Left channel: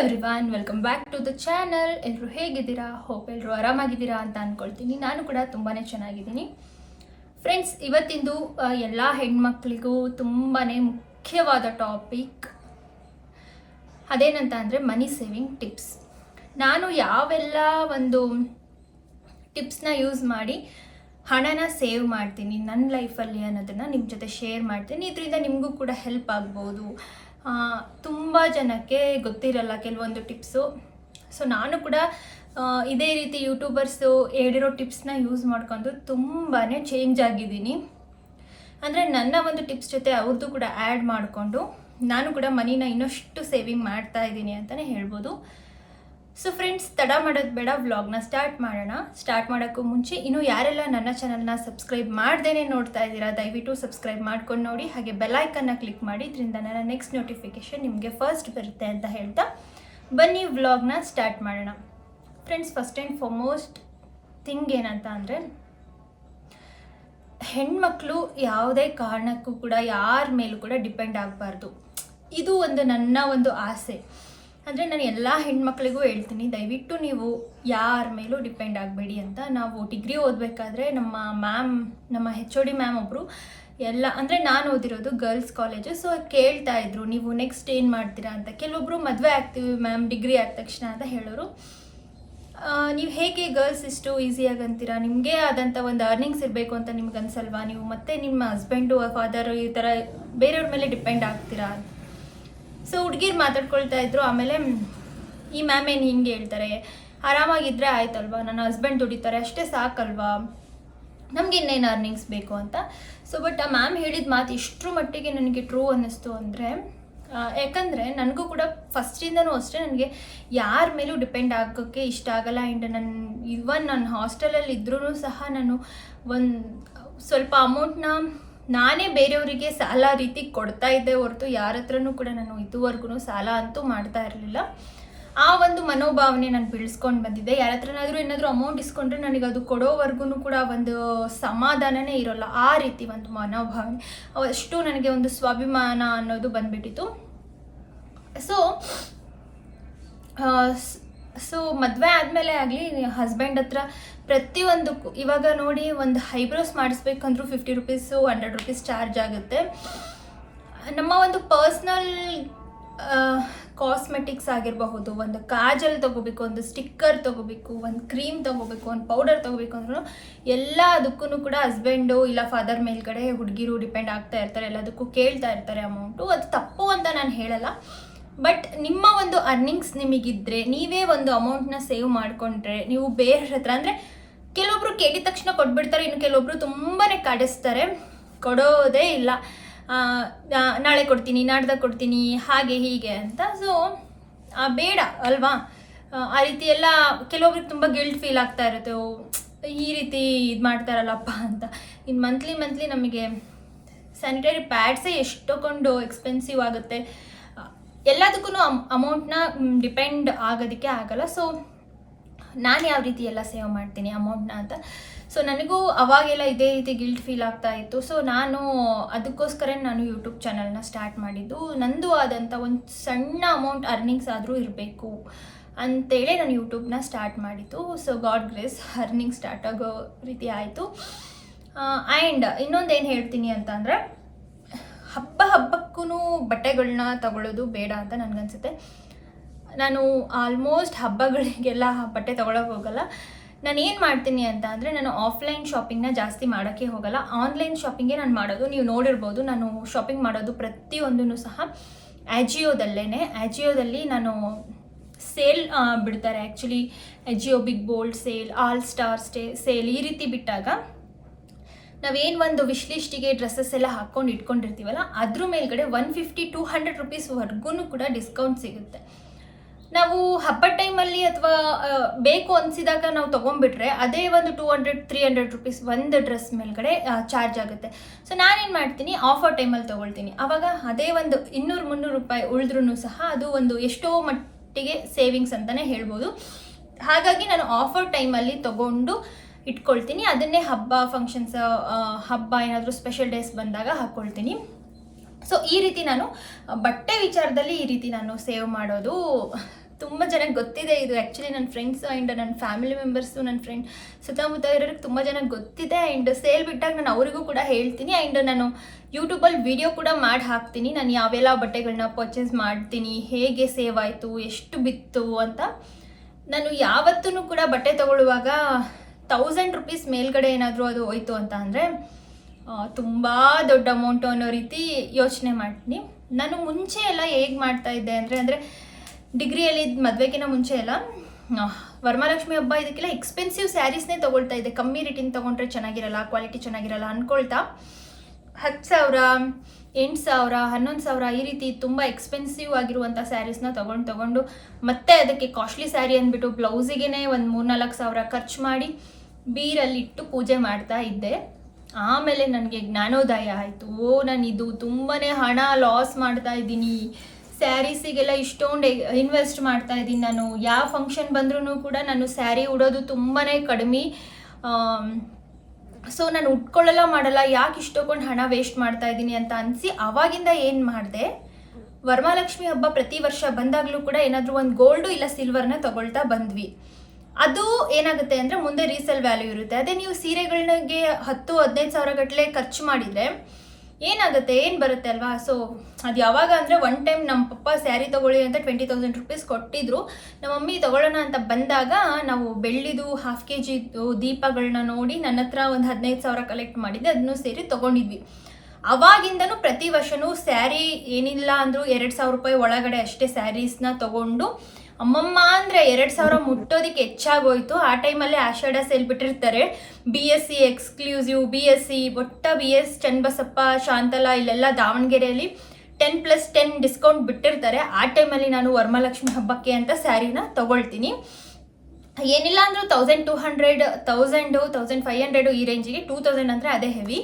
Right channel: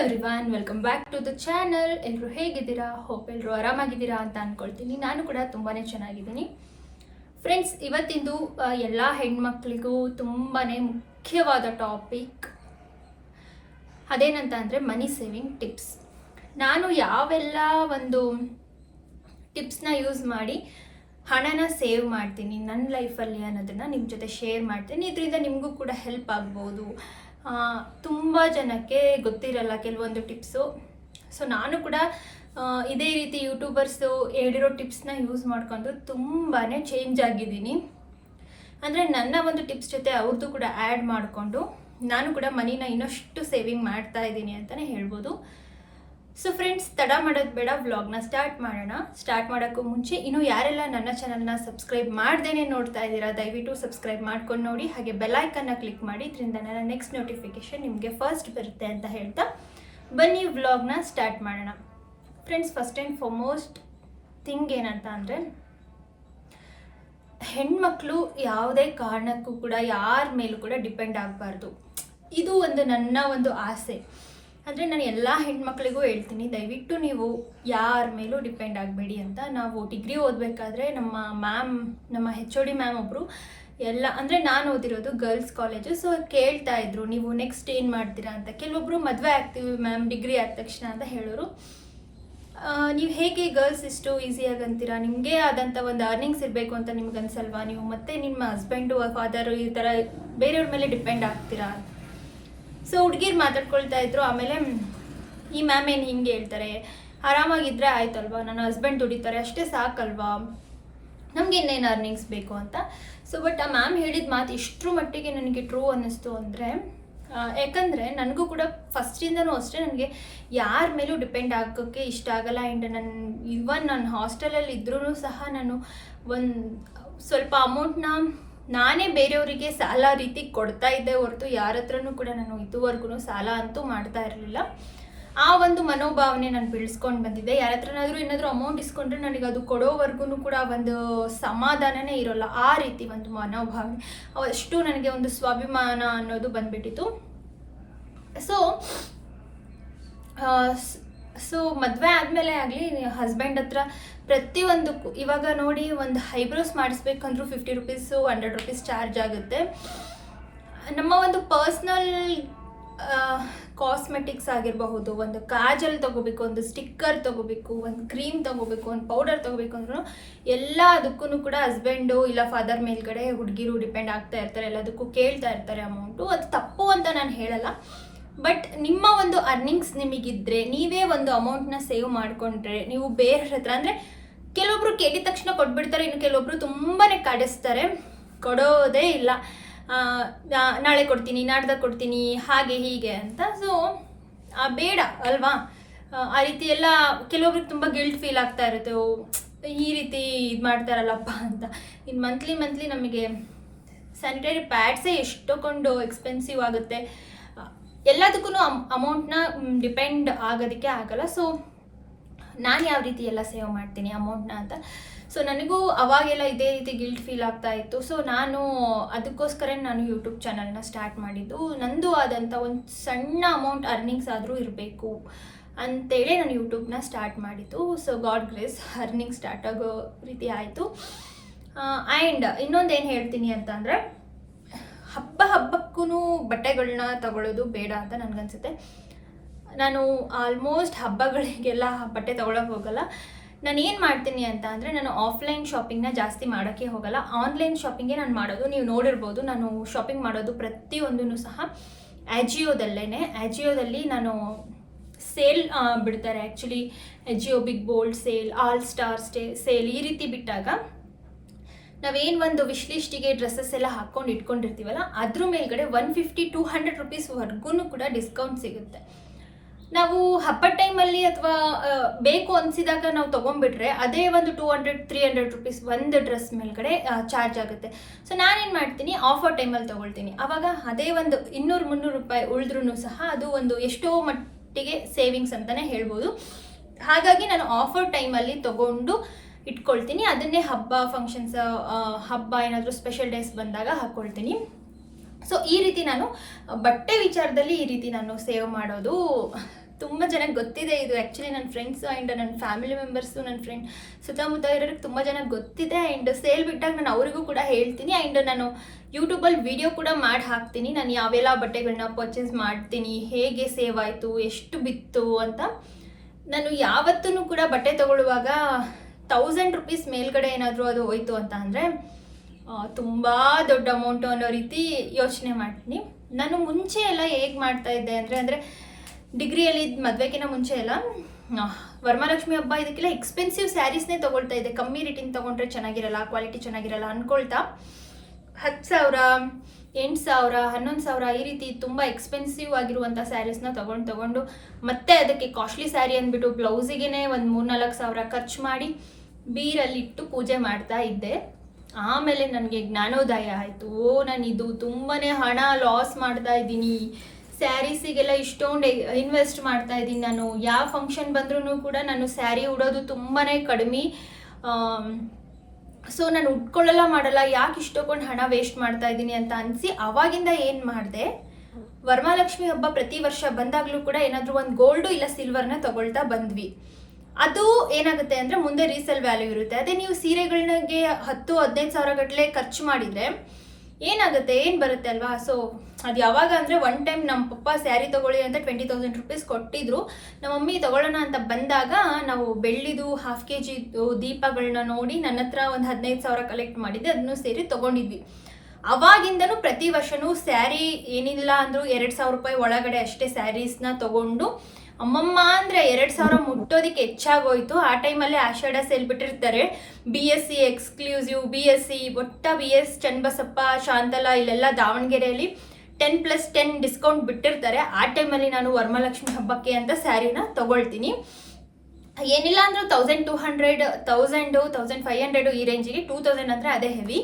Everyone, welcome back to the channel. ಎಲ್ಲರೂ ಹೇಗಿದ್ದೀರಾ? Hope ಎಲ್ಲರೂ ಆರಾಮಾಗಿದ್ದೀರಾ ಅಂತ ಅಂದ್ಕೊಳ್ತೀನಿ. ನಾನು ಕೂಡ ತುಂಬಾ ಚೆನ್ನಾಗಿದ್ದೀನಿ. ಫ್ರೆಂಡ್ಸ್, ಇವತ್ತಿಂದು ಎಲ್ಲ ಹೆಣ್ಮಕ್ಳಿಗೂ ತುಂಬಾ ಮುಖ್ಯವಾದ ಟಾಪಿಕ್ ಅದೇನಂತ ಅಂದರೆ ಮನಿ ಸೇವಿಂಗ್ ಟಿಪ್ಸ್. ನಾನು ಯಾವೆಲ್ಲ ಒಂದು ಟಿಪ್ಸ್ನ ಯೂಸ್ ಮಾಡಿ ಹಣನ ಸೇವ್ ಮಾಡ್ತೀನಿ ನನ್ನ ಲೈಫಲ್ಲಿ ಅನ್ನೋದನ್ನು ನಿಮ್ಮ ಜೊತೆ ಶೇರ್ ಮಾಡ್ತೀನಿ. ಇದರಿಂದ ನಿಮಗೂ ಕೂಡ ಹೆಲ್ಪ್ ಆಗ್ಬೋದು. ತುಂಬ ಜನಕ್ಕೆ ಗೊತ್ತಿರಲ್ಲ ಕೆಲವೊಂದು ಟಿಪ್ಸು. ಸೊ ನಾನು ಕೂಡ ಇದೇ ರೀತಿ ಯೂಟ್ಯೂಬರ್ಸು ಹೇಳಿರೋ ಟಿಪ್ಸ್ನ ಯೂಸ್ ಮಾಡ್ಕೊಂಡು ತುಂಬಾ ಚೇಂಜ್ ಆಗಿದ್ದೀನಿ. ಅಂದರೆ ನನ್ನ ಒಂದು ಟಿಪ್ಸ್ ಜೊತೆ ಅವ್ರದ್ದು ಕೂಡ ಆ್ಯಡ್ ಮಾಡಿಕೊಂಡು ನಾನು ಕೂಡ ಮನಿನ ಇನ್ನಷ್ಟು ಸೇವಿಂಗ್ ಮಾಡ್ತಾ ಇದ್ದೀನಿ ಅಂತಲೇ ಹೇಳ್ಬೋದು. ಸೊ ಫ್ರೆಂಡ್ಸ್, ತಡ ಮಾಡೋದು ಬೇಡ, ವ್ಲಾಗ್ನ ಸ್ಟಾರ್ಟ್ ಮಾಡೋಣ. ಸ್ಟಾರ್ಟ್ ಮಾಡೋಕ್ಕೂ ಮುಂಚೆ ಇನ್ನೂ ಯಾರೆಲ್ಲ ನನ್ನ ಚಾನಲ್ನ ಸಬ್ಸ್ಕ್ರೈಬ್ ಮಾಡ್ದೇ ನೋಡ್ತಾ ಇದ್ದೀರಾ, ದಯವಿಟ್ಟು ಸಬ್ಸ್ಕ್ರೈಬ್ ಮಾಡ್ಕೊಂಡು ನೋಡಿ. ಹಾಗೆ ಬೆಲ್ಲೈಕನ್ನ ಕ್ಲಿಕ್ ಮಾಡಿ, ಇದರಿಂದ ನನ್ನ ನೆಕ್ಸ್ಟ್ ನೋಟಿಫಿಕೇಷನ್ ನಿಮಗೆ ಫಸ್ಟ್ ಬರುತ್ತೆ ಅಂತ ಹೇಳ್ತಾ ಬನ್ನಿ ವ್ಲಾಗ್ನ ಸ್ಟಾರ್ಟ್ ಮಾಡೋಣ. Friends, first and foremost thing ಏನಂತ ಅಂದರೆ, ಹೆಣ್ಮಕ್ಳು ಯಾವುದೇ ಕಾರಣಕ್ಕೂ ಕೂಡ ಯಾರ ಮೇಲೂ ಕೂಡ ಡಿಪೆಂಡ್ ಆಗಬಾರ್ದು. ಇದು ಒಂದು ನನ್ನ ಒಂದು ಆಸೆ. ಅಂದರೆ ನಾನು ಎಲ್ಲ ಹೆಣ್ಮಕ್ಳಿಗೂ ಹೇಳ್ತೀನಿ, ದಯವಿಟ್ಟು ನೀವು ಯಾರ ಮೇಲೂ ಡಿಪೆಂಡ್ ಆಗಬೇಡಿ ಅಂತ. ನಾವು ಡಿಗ್ರಿ ಓದಬೇಕಾದ್ರೆ ನಮ್ಮ HOD ಮ್ಯಾಮ್ ಒಬ್ಬರು ಎಲ್ಲ, ಅಂದರೆ ನಾನು ಓದಿರೋದು ಗರ್ಲ್ಸ್ ಕಾಲೇಜು. ಸೊ ಕೇಳ್ತಾ ಇದ್ರು, ನೀವು ನೆಕ್ಸ್ಟ್ ಏನು ಮಾಡ್ತೀರಾ ಅಂತ. ಕೆಲವೊಬ್ಬರು ಮದುವೆ ಆಗ್ತೀವಿ ಮ್ಯಾಮ್ ಡಿಗ್ರಿ ಆದ ತಕ್ಷಣ ಅಂತ ಹೇಳೋರು. ನೀವು ಹೇಗೆ ಗರ್ಲ್ಸ್ ಇಷ್ಟು ಈಸಿಯಾಗಿ ಅಂತೀರಾ? ನಿಮಗೆ ಆದಂಥ ಒಂದು ಅರ್ನಿಂಗ್ಸ್ ಇರಬೇಕು ಅಂತ ನಿಮ್ಗೆ ಅನ್ಸಲ್ವಾ? ನೀವು ಮತ್ತೆ ನಿಮ್ಮ ಹಸ್ಬೆಂಡು ಫಾದರು ಈ ಥರ ಬೇರೆಯವ್ರ ಮೇಲೆ ಡಿಪೆಂಡ್ ಆಗ್ತೀರಾ ಅಂತ. ಸೊ ಹುಡುಗಿರು ಮಾತಾಡ್ಕೊಳ್ತಾ ಇದ್ರು. ಆಮೇಲೆ ಈ ಮ್ಯಾಮ್ ಏನು ಹಿಂಗೆ ಹೇಳ್ತಾರೆ, ಆರಾಮಾಗಿದ್ದರೆ ಆಯ್ತಲ್ವಾ, ನನ್ನ ಹಸ್ಬೆಂಡ್ ದುಡಿತಾರೆ ಅಷ್ಟೇ ಸಾಕಲ್ವಾ, ನಮ್ಗೆ ಇನ್ನೇನು ಅರ್ನಿಂಗ್ಸ್ ಬೇಕು ಅಂತ. ಸೊ ಬಟ್ ಆ ಮ್ಯಾಮ್ ಹೇಳಿದ ಮಾತು ಇಷ್ಟರ ಮಟ್ಟಿಗೆ ನನಗೆ ಟ್ರೂ ಅನ್ನಿಸ್ತು. ಅಂದರೆ ಯಾಕಂದರೆ ನನಗೂ ಕೂಡ ಫಸ್ಟಿಂದನೂ ಅಷ್ಟೇ ನನಗೆ ಯಾರ ಮೇಲೂ ಡಿಪೆಂಡ್ ಆಗೋಕ್ಕೆ ಇಷ್ಟ ಆಗಲ್ಲ. ಆ್ಯಂಡ್ ನಾನು ಹಾಸ್ಟೆಲಲ್ಲಿ ಇದ್ರೂ ಸಹ ನಾನು ಒಂದು ಸ್ವಲ್ಪ ಅಮೌಂಟ್ನ ನಾನೇ ಬೇರೆಯವರಿಗೆ ಸಾಲ ರೀತಿ ಕೊಡ್ತಾ ಇದ್ದೆ ಹೊರತು ಯಾರ ಹತ್ರನೂ ಕೂಡ ನಾನು ಇದುವರೆಗೂ ಸಾಲ ಅಂತೂ ಮಾಡ್ತಾ ಇರಲಿಲ್ಲ. ಆ ಒಂದು ಮನೋಭಾವನೆ ನಾನು ಬೆಳೆಸ್ಕೊಂಡು ಬಂದಿದ್ದೆ. ಯಾರ ಹತ್ರನಾದರೂ ಏನಾದರೂ ಅಮೌಂಟ್ ಇಸ್ಕೊಂಡ್ರೆ ನನಗೆ ಅದು ಕೊಡೋವರೆಗೂ ಕೂಡ ಒಂದು ಸಮಾಧಾನನೇ ಇರೋಲ್ಲ. ಆ ರೀತಿ ಒಂದು ಮನೋಭಾವನೆ, ಅಷ್ಟು ನನಗೆ ಒಂದು ಸ್ವಾಭಿಮಾನ ಅನ್ನೋದು ಬಂದುಬಿಟ್ಟಿತ್ತು. ಸೊ ಮದುವೆ ಆದಮೇಲೆ ಆಗಲಿ ಹಸ್ಬೆಂಡ್ ಹತ್ರ ಪ್ರತಿಯೊಂದಕ್ಕೂ, ಇವಾಗ ನೋಡಿ ಒಂದು ಐಬ್ರೋಸ್ ಮಾಡಿಸ್ಬೇಕಂದ್ರೂ 50 ರೂಪೀಸು 100 ರೂಪೀಸ್ ಚಾರ್ಜ್ ಆಗುತ್ತೆ. ನಮ್ಮ ಒಂದು ಪರ್ಸ್ನಲ್ ಕಾಸ್ಮೆಟಿಕ್ಸ್ ಆಗಿರಬಹುದು, ಒಂದು ಕಾಜಲ್ ತೊಗೋಬೇಕು, ಒಂದು ಸ್ಟಿಕ್ಕರ್ ತೊಗೋಬೇಕು, ಒಂದು ಕ್ರೀಮ್ ತೊಗೋಬೇಕು, ಒಂದು ಪೌಡರ್ ತೊಗೋಬೇಕು ಅಂದ್ರೂ ಎಲ್ಲದಕ್ಕೂ ಕೂಡ ಹಸ್ಬೆಂಡು ಇಲ್ಲ ಫಾದರ್ ಮೇಲ್ಗಡೆ ಹುಡುಗಿರು ಡಿಪೆಂಡ್ ಆಗ್ತಾ ಇರ್ತಾರೆ. ಎಲ್ಲದಕ್ಕೂ ಕೇಳ್ತಾ ಇರ್ತಾರೆ ಅಮೌಂಟು. ಅದು ತಪ್ಪು ಅಂತ ನಾನು ಹೇಳಲ್ಲ. ಬಟ್ ನಿಮ್ಮ ಒಂದು ಅರ್ನಿಂಗ್ಸ್ ನಿಮಗಿದ್ರೆ, ನೀವೇ ಒಂದು ಅಮೌಂಟ್ನ ಸೇವ್ ಮಾಡಿಕೊಂಡ್ರೆ, ನೀವು ಬೇರೆ ಹತ್ರ, ಅಂದರೆ ಕೆಲವೊಬ್ರು ಕೇಳಿದ ತಕ್ಷಣ ಕೊಟ್ಬಿಡ್ತಾರೆ, ಇನ್ನು ಕೆಲವೊಬ್ರು ತುಂಬಾ ಕಾಡಿಸ್ತಾರೆ, ಕೊಡೋದೇ ಇಲ್ಲ, ನಾಳೆ ಕೊಡ್ತೀನಿ, ನಾಡ್ದಾಗ ಕೊಡ್ತೀನಿ, ಹಾಗೆ ಹೀಗೆ ಅಂತ. ಸೊ ಬೇಡ ಅಲ್ವಾ? ಆ ರೀತಿ ಎಲ್ಲ ಕೆಲವೊಬ್ರಿಗೆ ತುಂಬ ಗಿಲ್ಟ್ ಫೀಲ್ ಆಗ್ತಾ ಇರುತ್ತೆ, ಈ ರೀತಿ ಇದು ಮಾಡ್ತಾರಲ್ಲಪ್ಪ ಅಂತ. ಇನ್ನು ಮಂತ್ಲಿ ನಮಗೆ ಸ್ಯಾನಿಟರಿ ಪ್ಯಾಡ್ಸೇ ಎಷ್ಟೊಂದು ಎಕ್ಸ್ಪೆನ್ಸಿವ್ ಆಗುತ್ತೆ. ಎಲ್ಲದಕ್ಕೂ ಅಮೌಂಟ್ನ ಡಿಪೆಂಡ್ ಆಗೋದಕ್ಕೆ ಆಗಲ್ಲ. ಸೊ ನಾನು ಯಾವ ರೀತಿ ಎಲ್ಲ ಸೇವ್ ಮಾಡ್ತೀನಿ ಅಮೌಂಟ್ನ ಅಂತ. ಸೊ ನನಗೂ ಅವಾಗೆಲ್ಲ ಇದೇ ರೀತಿ ಗಿಲ್ಟ್ ಫೀಲ್ ಆಗ್ತಾ ಇತ್ತು. ಸೊ ಅದಕ್ಕೋಸ್ಕರ ನಾನು ಯೂಟ್ಯೂಬ್ ಚಾನಲ್ನ ಸ್ಟಾರ್ಟ್ ಮಾಡಿದ್ದು. ನಂದು ಆದಂಥ ಒಂದು ಸಣ್ಣ ಅಮೌಂಟ್ ಅರ್ನಿಂಗ್ಸ್ ಆದರೂ ಇರಬೇಕು ಅಂತೇಳಿ ನಾನು ಯೂಟ್ಯೂಬ್ನ ಸ್ಟಾರ್ಟ್ ಮಾಡಿದ್ದು. So god grace earning start ಆಗೋ ರೀತಿ ಆಯಿತು. ಆ್ಯಂಡ್ ಇನ್ನೊಂದೇನು ಹೇಳ್ತೀನಿ ಅಂತ ಅಂದರೆ, ಹಬ್ಬಕ್ಕೂ ಬಟ್ಟೆಗಳನ್ನ ತಗೊಳ್ಳೋದು ಬೇಡ ಅಂತ ನನಗನ್ಸುತ್ತೆ. ನಾನು ಆಲ್ಮೋಸ್ಟ್ ಹಬ್ಬಗಳಿಗೆಲ್ಲ ಬಟ್ಟೆ ತೊಗೊಳಕ್ಕೆ ಹೋಗಲ್ಲ. ನಾನು ಏನು ಮಾಡ್ತೀನಿ ಅಂತ ಅಂದರೆ, ನಾನು ಆಫ್ಲೈನ್ ಶಾಪಿಂಗ್ನ ಜಾಸ್ತಿ ಮಾಡೋಕ್ಕೆ ಹೋಗಲ್ಲ, ಆನ್ಲೈನ್ ಶಾಪಿಂಗೇ ನಾನು ಮಾಡೋದು. ನೀವು ನೋಡಿರ್ಬೋದು, ನಾನು ಶಾಪಿಂಗ್ ಮಾಡೋದು ಪ್ರತಿಯೊಂದೂ ಸಹ ಆ್ಯಜಿಯೋದಲ್ಲಿ ನಾನು ಸೇಲ್ ಬಿಡ್ತಾರೆ. Actually Ajio big bold sale, all star sale ಈ ರೀತಿ ಬಿಟ್ಟಾಗ ನಾವೇನು ಒಂದು ವಿಶ್ ಲಿಸ್ಟಿಗೆ ಡ್ರೆಸ್ಸಸ್ ಎಲ್ಲ ಹಾಕ್ಕೊಂಡು ಇಟ್ಕೊಂಡಿರ್ತೀವಲ್ಲ, ಅದ್ರ ಮೇಲ್ಗಡೆ 150-200 ರೂಪೀಸ್ವರೆಗೂ ಕೂಡ ಡಿಸ್ಕೌಂಟ್ ಸಿಗುತ್ತೆ. ನಾವು ಹಬ್ಬದ ಟೈಮಲ್ಲಿ ಅಥವಾ ಬೇಕು ಅನಿಸಿದಾಗ ನಾವು ತೊಗೊಂಡ್ಬಿಟ್ರೆ ಅದೇ ಒಂದು 200-300 ರೂಪೀಸ್ ಒಂದು ಡ್ರೆಸ್ ಮೇಲ್ಗಡೆ ಚಾರ್ಜ್ ಆಗುತ್ತೆ. ಸೊ ನಾನೇನು ಮಾಡ್ತೀನಿ, ಆಫರ್ ಟೈಮಲ್ಲಿ ತೊಗೊಳ್ತೀನಿ. ಆವಾಗ ಅದೇ ಒಂದು 200-300 ರೂಪಾಯಿ ಉಳಿದ್ರೂ ಸಹ ಅದು ಒಂದು ಎಷ್ಟೋ ಮಟ್ಟಿಗೆ ಸೇವಿಂಗ್ಸ್ ಅಂತಲೇ ಹೇಳ್ಬೋದು. ಹಾಗಾಗಿ ನಾನು ಆಫರ್ ಟೈಮಲ್ಲಿ ತೊಗೊಂಡು ಇಟ್ಕೊಳ್ತೀನಿ. ಅದನ್ನೇ ಹಬ್ಬ ಫಂಕ್ಷನ್ಸ್, ಹಬ್ಬ ಏನಾದರೂ ಸ್ಪೆಷಲ್ ಡೇಸ್ ಬಂದಾಗ ಹಾಕ್ಕೊಳ್ತೀನಿ. ಸೊ ಈ ರೀತಿ ನಾನು ಬಟ್ಟೆ ವಿಚಾರದಲ್ಲಿ ಈ ರೀತಿ ನಾನು ಸೇವ್ ಮಾಡೋದು ತುಂಬ ಜನಕ್ಕೆ ಗೊತ್ತಿದೆ ಇದು. ಆ್ಯಕ್ಚುಲಿ ನನ್ನ ಫ್ರೆಂಡ್ಸು ಆ್ಯಂಡ್ ನನ್ನ ಫ್ಯಾಮಿಲಿ ಮೆಂಬರ್ಸು, ನನ್ನ ಫ್ರೆಂಡ್ ಸುತ್ತಮುತ್ತ ಇರೋರಿಗೆ ತುಂಬ ಜನಕ್ಕೆ ಗೊತ್ತಿದೆ. ಆ್ಯಂಡ್ ಸೇಲ್ ಬಿಟ್ಟಾಗ ನಾನು ಅವರಿಗೂ ಕೂಡ ಹೇಳ್ತೀನಿ. ಆ್ಯಂಡ್ ನಾನು ಯೂಟ್ಯೂಬಲ್ಲಿ ವಿಡಿಯೋ ಕೂಡ ಮಾಡಿ ಹಾಕ್ತೀನಿ, ನಾನು ಯಾವೆಲ್ಲ ಬಟ್ಟೆಗಳನ್ನ ಪರ್ಚೇಸ್ ಮಾಡ್ತೀನಿ, ಹೇಗೆ ಸೇವ್ ಆಯಿತು, ಎಷ್ಟು ಬಿತ್ತು ಅಂತ. ನಾನು ಯಾವತ್ತೂ ಕೂಡ ಬಟ್ಟೆ ತೊಗೊಳ್ಳುವಾಗ 1000 ರೂಪೀಸ್ ಮೇಲ್ಗಡೆ ಏನಾದರೂ ಅದು ಹೋಯ್ತು ಅಂತ ಅಂದರೆ ತುಂಬ ದೊಡ್ಡ ಅಮೌಂಟು ಅನ್ನೋ ರೀತಿ ಯೋಚನೆ ಮಾಡ್ತೀನಿ. ನಾನು ಮುಂಚೆ ಎಲ್ಲ ಹೇಗೆ ಮಾಡ್ತಾಯಿದ್ದೆ ಅಂದರೆ ಡಿಗ್ರಿಯಲ್ಲಿ ಮದುವೆಗಿಂತ ಮುಂಚೆ ಎಲ್ಲ ವರಮಹಾಲಕ್ಷ್ಮಿ ಹಬ್ಬ ಇದಕ್ಕೆಲ್ಲ ಎಕ್ಸ್ಪೆನ್ಸಿವ್ ಸ್ಯಾರೀಸ್ನೇ ತೊಗೊಳ್ತಾ ಇದ್ದೆ. ಕಮ್ಮಿ ರೇಟಿಂದ ತೊಗೊಂಡ್ರೆ ಚೆನ್ನಾಗಿರಲ್ಲ, ಕ್ವಾಲಿಟಿ ಚೆನ್ನಾಗಿರಲ್ಲ ಅಂದ್ಕೊಳ್ತಾ 10,000, 8,000, 11,000 ಈ ರೀತಿ ತುಂಬ ಎಕ್ಸ್ಪೆನ್ಸಿವ್ ಆಗಿರುವಂಥ ಸ್ಯಾರೀಸ್ನ ತೊಗೊಂಡು ಮತ್ತೆ ಅದಕ್ಕೆ ಕಾಸ್ಟ್ಲಿ ಸ್ಯಾರಿ ಅಂದ್ಬಿಟ್ಟು ಬ್ಲೌಸಿಗೆ ಒಂದು 3-4 ಸಾವಿರ ಖರ್ಚು ಮಾಡಿ ಬೀರಲ್ಲಿಟ್ಟು ಪೂಜೆ ಮಾಡ್ತಾ ಇದ್ದೆ. ಆಮೇಲೆ ನನಗೆ ಜ್ಞಾನೋದಯ ಆಯಿತು. ನಾನು ಇದು ತುಂಬಾ ಹಣ ಲಾಸ್ ಮಾಡ್ತಾ ಇದ್ದೀನಿ, ಸ್ಯಾರೀಸಿಗೆಲ್ಲ ಇಷ್ಟೊಂದು ಇನ್ವೆಸ್ಟ್ ಮಾಡ್ತಾ ಇದ್ದೀನಿ. ನಾನು ಯಾವ ಫಂಕ್ಷನ್ ಬಂದ್ರೂ ಕೂಡ ನಾನು ಸ್ಯಾರಿ ಉಡೋದು ತುಂಬಾ ಕಡಿಮೆ. ಸೊ ನಾನು ಉಟ್ಕೊಳ್ಳಲ್ಲ ಮಾಡಲ್ಲ, ಯಾಕೆ ಇಷ್ಟೊಂದು ಹಣ ವೇಸ್ಟ್ ಮಾಡ್ತಾ ಇದ್ದೀನಿ ಅಂತ ಅನಿಸಿ ಆವಾಗಿಂದ ಏನು ಮಾಡಿದೆ, ವರಮಹಾಲಕ್ಷ್ಮಿ ಹಬ್ಬ ಪ್ರತಿ ವರ್ಷ ಬಂದಾಗಲೂ ಕೂಡ ಏನಾದರೂ ಒಂದು ಗೋಲ್ಡು ಇಲ್ಲ ಸಿಲ್ವರ್ನ ತೊಗೊಳ್ತಾ ಬಂದ್ವಿ. ಅದು ಏನಾಗುತ್ತೆ ಅಂದರೆ ಮುಂದೆ ರೀಸೇಲ್ ವ್ಯಾಲ್ಯೂ ಇರುತ್ತೆ. ಅದೇ ನೀವು ಸೀರೆಗಳಿಗೆ 10-15 ಸಾವಿರ ಗಟ್ಟಲೆ ಖರ್ಚು ಮಾಡಿದರೆ ಏನಾಗುತ್ತೆ, ಏನು ಬರುತ್ತೆ ಅಲ್ವಾ. ಸೊ ಅದು ಯಾವಾಗ ಅಂದರೆ ಒನ್ ಟೈಮ್ ನಮ್ಮ ಪಪ್ಪ ಸ್ಯಾರಿ ತೊಗೊಳ್ಳಿ ಅಂತ 20,000 ರೂಪೀಸ್ ಕೊಟ್ಟಿದ್ರು. ನಮ್ಮ ಮಮ್ಮಿ ತೊಗೊಳ್ಳೋಣ ಅಂತ ಬಂದಾಗ ನಾವು ಬೆಳ್ಳಿದು 1/2 kg ದೀಪಗಳನ್ನ ನೋಡಿ ನನ್ನ ಹತ್ರ ಒಂದು 15,000 ಕಲೆಕ್ಟ್ ಮಾಡಿದ್ದೆ, ಅದನ್ನು ಸೇರಿ ತೊಗೊಂಡಿದ್ವಿ. ಅವಾಗಿಂದನೂ ಪ್ರತಿ ವರ್ಷವೂ ಸ್ಯಾರಿ ಏನಿಲ್ಲ ಅಂದರೂ 2,000 ರೂಪಾಯಿ ಒಳಗಡೆ ಅಷ್ಟೇ ಸ್ಯಾರೀಸ್ನ ತೊಗೊಂಡು ಅಮ್ಮಮ್ಮ ಅಂದರೆ 2,000 ಮುಟ್ಟೋದಕ್ಕೆ ಹೆಚ್ಚಾಗೋಯ್ತು. ಆ ಟೈಮಲ್ಲಿ ಆಷಾಢ ಸೇಲ್ ಬಿಟ್ಟಿರ್ತಾರೆ, BSC ಎಕ್ಸ್ಕ್ಲೂಸಿವ್, BSC ಒಟ್ಟ BS ಚನ್ನಬಸಪ್ಪ, ಶಾಂತಲಾ ಇಲ್ಲೆಲ್ಲ ದಾವಣಗೆರೆಯಲ್ಲಿ 10+10 ಡಿಸ್ಕೌಂಟ್ ಬಿಟ್ಟಿರ್ತಾರೆ. ಆ ಟೈಮಲ್ಲಿ ನಾನು ವರಮಹಾಲಕ್ಷ್ಮಿ ಹಬ್ಬಕ್ಕೆ ಅಂತ ಸ್ಯಾರಿನ ತೊಗೊಳ್ತೀನಿ. ಏನಿಲ್ಲ ಅಂದರೂ 1,200, 1,000, 1,500 ಈ ರೇಂಜಿಗೆ, 2,000 ಅಂದರೆ ಅದೇ ಹೆವಿ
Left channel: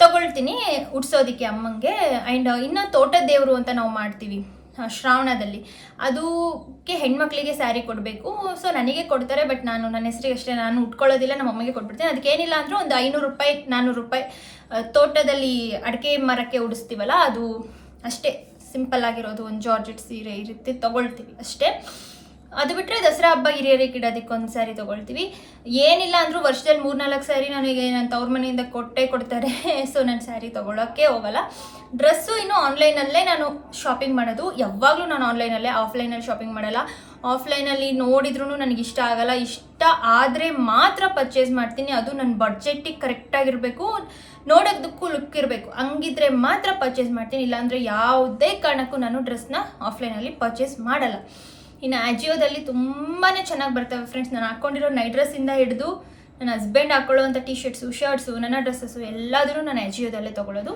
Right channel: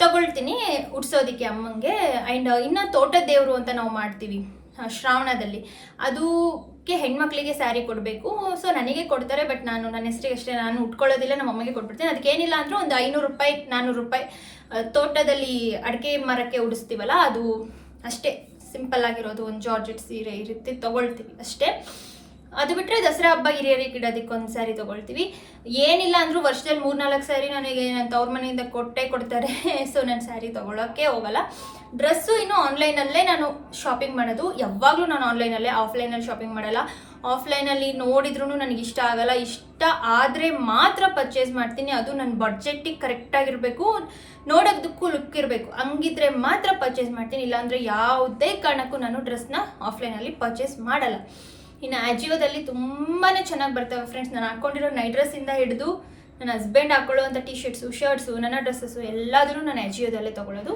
ತೊಗೊಳ್ತೀನಿ ಉಡ್ಸೋದಕ್ಕೆ ಅಮ್ಮಂಗೆ. ಆ್ಯಂಡ್ ಇನ್ನು ತೋಟದ ದೇವರು ಅಂತ ನಾವು ಮಾಡ್ತೀವಿ ಶ್ರಾವಣದಲ್ಲಿ, ಅದಕ್ಕೆ ಹೆಣ್ಮಕ್ಳಿಗೆ ಸ್ಯಾರಿ ಕೊಡಬೇಕು. ಸೊ ನನಗೆ ಕೊಡ್ತಾರೆ, ಬಟ್ ನಾನು ನನ್ನ ಹೆಸರಿಗೆ ಅಷ್ಟೇ, ನಾನು ಉಟ್ಕೊಳ್ಳೋದಿಲ್ಲ, ನಮ್ಮ ಅಮ್ಮಗೆ ಕೊಟ್ಬಿಡ್ತೀನಿ. ಅದಕ್ಕೆ ಏನಿಲ್ಲ ಅಂದರೂ ಒಂದು 500 ರೂಪಾಯಿ 400 ರೂಪಾಯಿ ತೋಟದಲ್ಲಿ ಅಡಿಕೆ ಮರಕ್ಕೆ ಉಡಿಸ್ತೀವಲ್ಲ ಅದು ಅಷ್ಟೇ, ಸಿಂಪಲ್ ಆಗಿರೋದು ಒಂದು ಜಾರ್ಜೆಟ್ ಸೀರೆ ಈ ರೀತಿ ತೊಗೊಳ್ತೀವಿ ಅಷ್ಟೇ. ಅದು ಬಿಟ್ಟರೆ ದಸರಾ ಹಬ್ಬ ಹಿರಿಯರಿಗೆ ಇಡೋದಕ್ಕೆ ಒಂದು ಸ್ಯಾರಿ ತೊಗೊಳ್ತೀವಿ. ಏನಿಲ್ಲ ಅಂದರೂ ವರ್ಷದಲ್ಲಿ 3-4 ಸ್ಯಾರಿ ನನಗೆ ನನ್ನ ತವ್ರ ಮನೆಯಿಂದ ಕೊಡ್ತಾರೆ. ಸೊ ನಾನು ಸ್ಯಾರಿ ತೊಗೊಳಕ್ಕೆ ಹೋಗಲ್ಲ. ಡ್ರೆಸ್ಸು ಇನ್ನು ಆನ್ಲೈನಲ್ಲೇ ನಾನು ಶಾಪಿಂಗ್ ಮಾಡೋದು. ಯಾವಾಗಲೂ ನಾನು ಆನ್ಲೈನಲ್ಲೇ, ಆಫ್ಲೈನಲ್ಲಿ ಶಾಪಿಂಗ್ ಮಾಡಲ್ಲ. ಆಫ್ಲೈನಲ್ಲಿ ನೋಡಿದ್ರೂ ನನಗೆ ಇಷ್ಟ ಆಗಲ್ಲ. ಇಷ್ಟ ಆದರೆ ಮಾತ್ರ ಪರ್ಚೇಸ್ ಮಾಡ್ತೀನಿ. ಅದು ನನ್ನ ಬಡ್ಜೆಟ್ಟಿಗೆ ಕರೆಕ್ಟಾಗಿರಬೇಕು, ನೋಡೋದಕ್ಕೂ ಲುಕ್ ಇರಬೇಕು, ಹಂಗಿದ್ರೆ ಮಾತ್ರ ಪರ್ಚೇಸ್ ಮಾಡ್ತೀನಿ. ಇಲ್ಲಾಂದರೆ ಯಾವುದೇ ಕಾರಣಕ್ಕೂ ನಾನು ಡ್ರೆಸ್ನ ಆಫ್ಲೈನಲ್ಲಿ ಪರ್ಚೇಸ್ ಮಾಡಲ್ಲ. ಇನ್ನು ಆಜಿಯೋದಲ್ಲಿ ತುಂಬಾ ಚೆನ್ನಾಗಿ ಬರ್ತವೆ ಫ್ರೆಂಡ್ಸ್. ನಾನು ಹಾಕ್ಕೊಂಡಿರೋ ನೈಟ್ ಡ್ರೆಸ್ಸಿಂದ ಹಿಡಿದು ನನ್ನ ಹಸ್ಬೆಂಡ್ ಹಾಕ್ಕೊಳ್ಳೋವಂಥ ಟಿ ಶರ್ಟ್ಸು, ನನ್ನ ಡ್ರೆಸ್ಸಸ್ಸು ಎಲ್ಲದೂ ನಾನು ಆಜಿಯೋದಲ್ಲೇ ತೊಗೊಳ್ಳೋದು.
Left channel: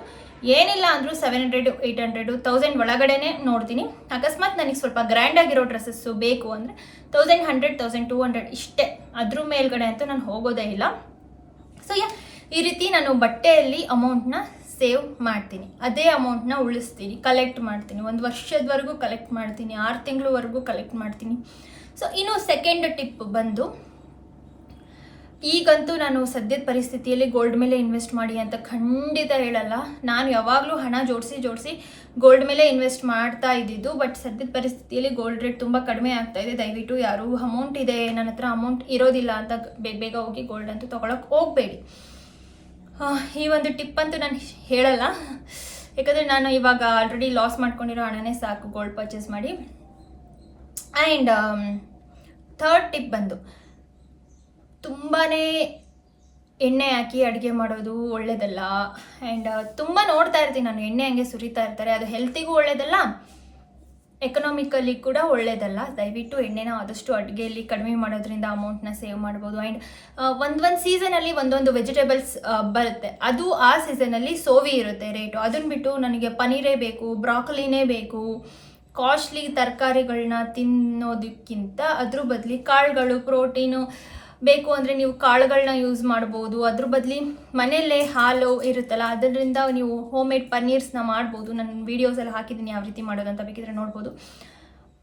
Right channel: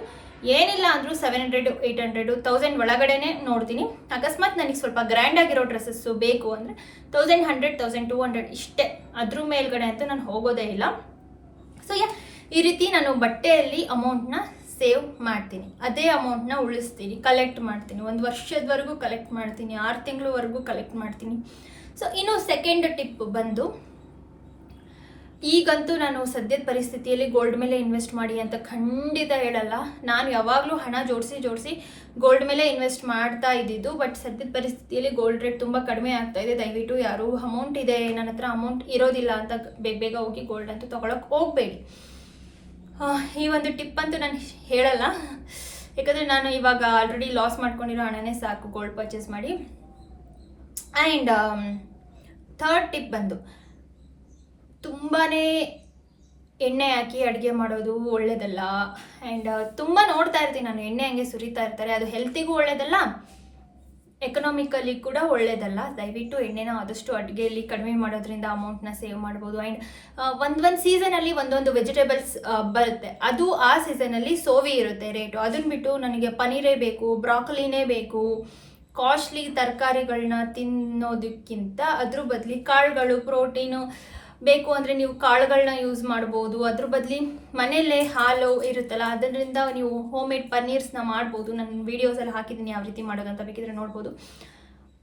ಏನಿಲ್ಲ ಅಂದರೂ 700, 800, 1000 ಒಳಗಡೆನೇ ನೋಡ್ತೀನಿ. ಅಕಸ್ಮಾತ್ ನನಗೆ ಸ್ವಲ್ಪ ಗ್ರ್ಯಾಂಡಾಗಿರೋ ಡ್ರೆಸ್ಸಸ್ಸು ಬೇಕು ಅಂದರೆ 1100, 1200 ಇಷ್ಟೇ, ಅದ್ರ ಮೇಲ್ಗಡೆ ಅಂತೂ ನಾನು ಹೋಗೋದೇ ಇಲ್ಲ. ಸೊ ಈ ರೀತಿ ನಾನು ಬಟ್ಟೆಯಲ್ಲಿ ಅಮೌಂಟ್ನ ಸೇವ್ ಮಾಡ್ತೀನಿ, ಅದೇ ಅಮೌಂಟ್ನ ಉಳಿಸ್ತೀನಿ, ಕಲೆಕ್ಟ್ ಮಾಡ್ತೀನಿ. 1 ವರ್ಷದವರೆಗೂ ಕಲೆಕ್ಟ್ ಮಾಡ್ತೀನಿ, 6 ತಿಂಗಳವರೆಗೂ ಕಲೆಕ್ಟ್ ಮಾಡ್ತೀನಿ. ಸೊ ಇನ್ನು ಸೆಕೆಂಡ್ ಟಿಪ್ ಬಂದು, ಈಗಂತೂ ನಾನು ಸದ್ಯದ ಪರಿಸ್ಥಿತಿಯಲ್ಲಿ ಗೋಲ್ಡ್ ಮೇಲೆ ಇನ್ವೆಸ್ಟ್ ಮಾಡಿ ಅಂತ ಖಂಡಿತ ಹೇಳಲ್ಲ. ನಾನು ಯಾವಾಗಲೂ ಹಣ ಜೋಡಿಸಿ ಗೋಲ್ಡ್ ಮೇಲೆ ಇನ್ವೆಸ್ಟ್ ಮಾಡ್ತಾ ಇದ್ದಿದ್ದು. ಬಟ್ ಸದ್ಯದ ಪರಿಸ್ಥಿತಿಯಲ್ಲಿ ಗೋಲ್ಡ್ ರೇಟ್ ತುಂಬ ಕಡಿಮೆ ಆಗ್ತಾ ಇದೆ. ದಯವಿಟ್ಟು ಯಾರು ಅಮೌಂಟ್ ಇದೆ, ನನ್ನ ಹತ್ರ ಅಮೌಂಟ್ ಇರೋದಿಲ್ಲ ಅಂತ ಬೇಗ ಹೋಗಿ ಗೋಲ್ಡ್ ಅಂತೂ ತೊಗೊಳಕ್ಕೆ ಹೋಗಬೇಡಿ. ಈ ಒಂದು ಟಿಪ್ ಅಂತೂ ನಾನು ಹೇಳಲ್ಲ, ಯಾಕಂದರೆ ನಾನು ಇವಾಗ ಆಲ್ರೆಡಿ ಲಾಸ್ ಮಾಡ್ಕೊಂಡಿರೋ ಹಣನೇ ಸಾಕು ಗೋಲ್ಡ್ ಪರ್ಚೇಸ್ ಮಾಡಿ. ಆ್ಯಂಡ್ ಥರ್ಡ್ ಟಿಪ್ ಬಂದು, ತುಂಬಾ ಎಣ್ಣೆ ಹಾಕಿ ಅಡುಗೆ ಮಾಡೋದು ಒಳ್ಳೆಯದಲ್ಲ. ಆ್ಯಂಡ್ ತುಂಬ ನೋಡ್ತಾ ಇರ್ತೀನಿ ನಾನು, ಎಣ್ಣೆ ಹಂಗೆ ಸುರಿತಾ ಇರ್ತಾರೆ, ಅದು ಹೆಲ್ತಿಗೂ ಒಳ್ಳೆಯದಲ್ಲ, ಎಕನಾಮಿಕಲಿ ಕೂಡ ಒಳ್ಳೆಯದಲ್ಲ. ದಯವಿಟ್ಟು ಎಣ್ಣೆನ ಆದಷ್ಟು ಅಡುಗೆಯಲ್ಲಿ ಕಡಿಮೆ ಮಾಡೋದ್ರಿಂದ ಅಮೌಂಟ್ನ ಸೇವ್ ಮಾಡ್ಬೋದು. ಆ್ಯಂಡ್ ಒಂದು ಸೀಸನಲ್ಲಿ ಒಂದೊಂದು ವೆಜಿಟೇಬಲ್ಸ್ ಬರುತ್ತೆ, ಅದು ಆ ಸೀಸನಲ್ಲಿ ಸೋವಿ ಇರುತ್ತೆ ರೇಟು. ಅದನ್ನು ಬಿಟ್ಟು ನನಗೆ ಪನ್ನೀರೇ ಬೇಕು, ಬ್ರಾಕೊಲಿನೇ ಬೇಕು, ಕಾಸ್ಟ್ಲಿ ತರಕಾರಿಗಳನ್ನ ತಿನ್ನೋದಕ್ಕಿಂತ ಅದ್ರ ಬದಲಿ ಕಾಳುಗಳು, ಪ್ರೋಟೀನು ಬೇಕು ಅಂದರೆ ನೀವು ಕಾಳುಗಳನ್ನ ಯೂಸ್ ಮಾಡ್ಬೋದು. ಅದ್ರ ಬದಲಿ ಮನೆಯಲ್ಲೇ ಹಾಲು ಇರುತ್ತಲ್ಲ, ಅದರಿಂದ ನೀವು ಹೋಮ್ ಮೇಡ್ ಪನ್ನೀರ್ಸ್ನ ಮಾಡ್ಬೋದು. ನಾನು ವೀಡಿಯೋಸಲ್ಲಿ ಹಾಕಿದ್ದೀನಿ ಯಾವ ರೀತಿ ಮಾಡೋದಂತ, ಬೇಕಿದ್ರೆ ನೋಡ್ಬೋದು.